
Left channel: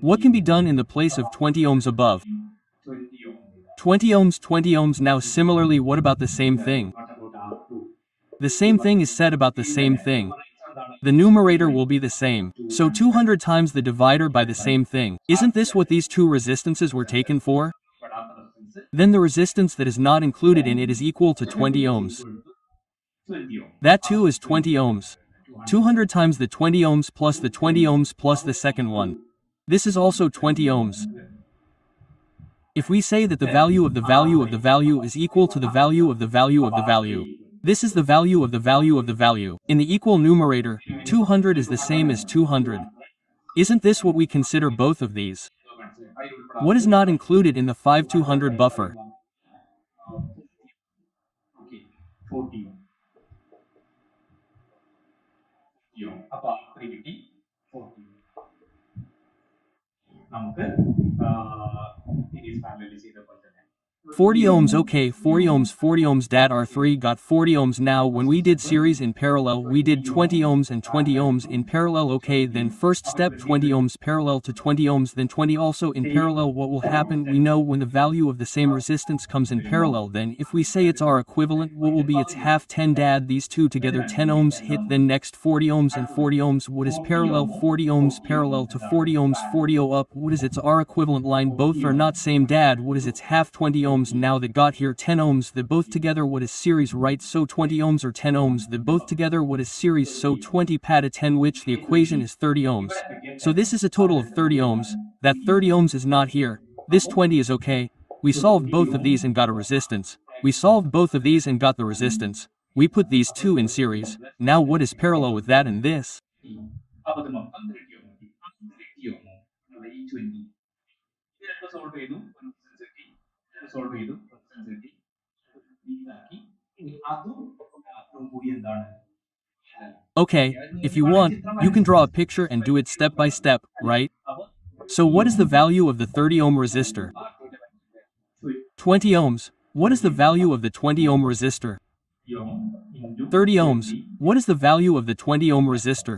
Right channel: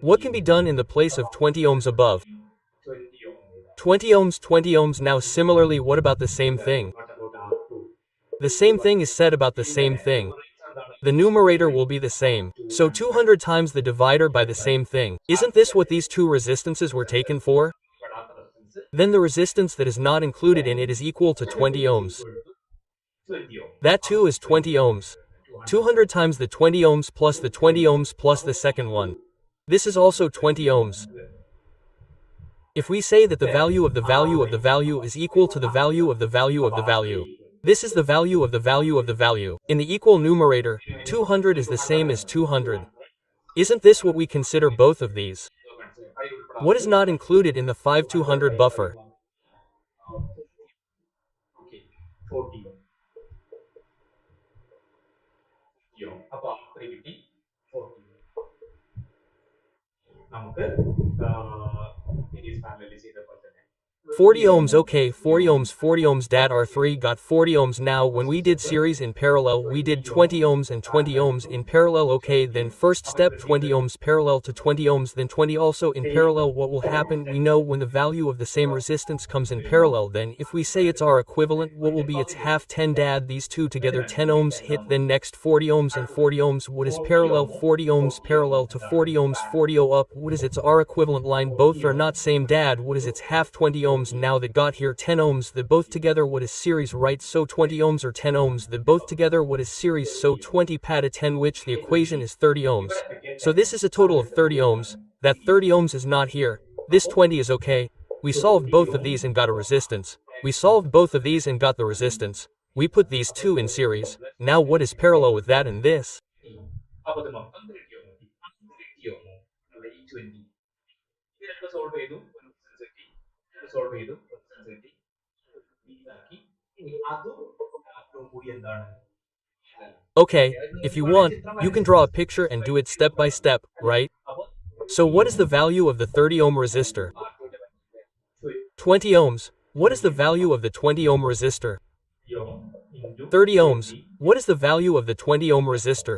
What can be done in the place of 20 ohms above? 20 ohm. 20 ohms. Now similarly, what about the same thing? What about R2? The same thing is said about the same thing. The numerator will be the same, so 200 times the divider by the same thing. Isn't this what these two resistances were taken for? Then the resistance that is not included in it is equal to 20 ohms. That too is 20 ohms. 200 times the 20 ohms plus the 20 ohms plus the second one. This is also 20 ohms. If we say that the value of the value of the value is equal to the value of the value of the value, this is the value of the value of the value. In the equal numerator, 200 is the same as 200. Isn't this what we consider both of these? What is not included in the 5200 buffer? Okay, 40 ohm. അപ്പോൾ അത്ര കിട്ടി 40 നമുക്ക് series parallel ചെയ്തപ്പോൾ തന്നെ 40 ohms, okay, 40 ohms dat R3 got 40 ohms. Now when we did series in parallel, we did 20 ohms and 20 ohms in parallel. Okay, then first step 20 ohms parallel to 20 ohms, then 20 also in parallel. What will happen? We know when the value of the same resistance comes in parallel, then if we say it's R equivalent, what will be its half? 10 dad, these two together 10 ohms hit, then next 40 ohms and 40 ohms. What is parallel? 40 ohms parallel to 40 ohms, 40 ohm up. What is its R equivalent line? Both are not same dad. What is its half? 20 ohms. Now that got here 10 ohms, that both together what is series, right? So 20 ohms or 10 ohms, that both together what is series, so 20 pada 10, which the equation is 30 ohms. So this is a total of 30 ohms. That 30 ohms is not here. This 20 is okay. We solved both of these and got a resistance. We solved both of these and got the resistance. We put these two in series. Now what is parallel with that and this? അപ്പോൾ അത് മൊത്തം 30 ohm കിട്ടി 30 ohm നമ്മുടെ ഈ 20 ഇത് രണ്ട് solve ചെയ്തു resistance കിട്ടി സോൾവ് ചെയ്തു resistance കിട്ടി ഇതാക്കി ഇനി അതും കൂടി എന്താണ് Okay, if you want, you can draw a picture and do it step by step, right? So what is the value of the 30 ohm resistor? 20 ohms. What is the value of the 20 ohm resistor? 30 ohms. What is the value of the 20 ohm resistor?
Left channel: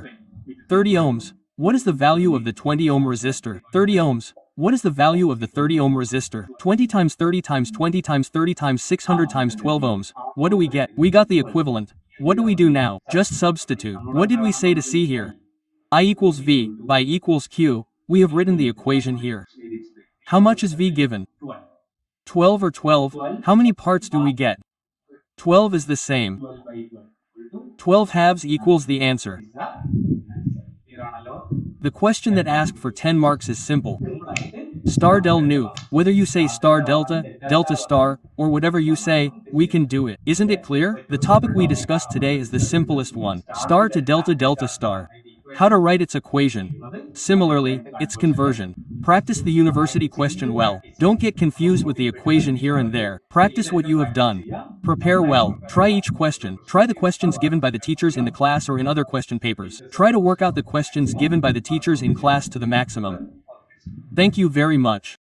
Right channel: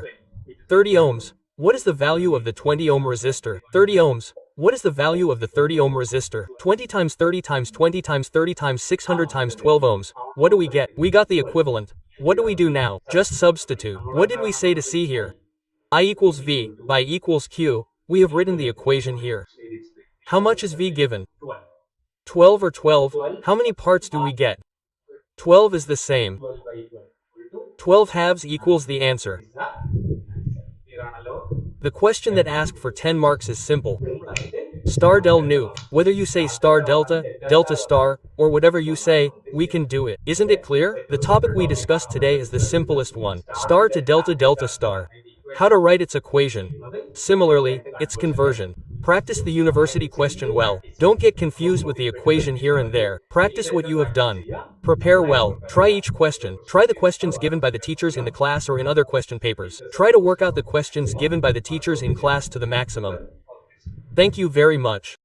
30 ohms. What is the value of the 20 ohm resistor? 30 ohms. What is the value of the 30 ohm resistor? 20 times 30 times 20 times 30 times 600 times 12 ohms. What do we get? We got the equivalent. What do we do now? Just substitute. What did we say to C here? I equals V by equals Q. We have written the equation here. How much is V given? 12 or 12. How many parts do we get? 12 is the same. 12 by 12 12 halves equals the answer. The question that asked for 10 marks is simple. Star del nu. Whether you say star delta, delta star, or whatever you say, we can do it. Isn't it clear? The topic we discussed today is the simplest one. Star to delta delta star. How to write its equation. Similarly, its conversion. Practice the university question well. Don't get confused with the equation here and there. Practice what you have done. Prepare well. Try each question. Try the questions given by the teachers in the class or in other question papers. Try to work out the questions given by the teachers in class to the maximum. Thank you very much.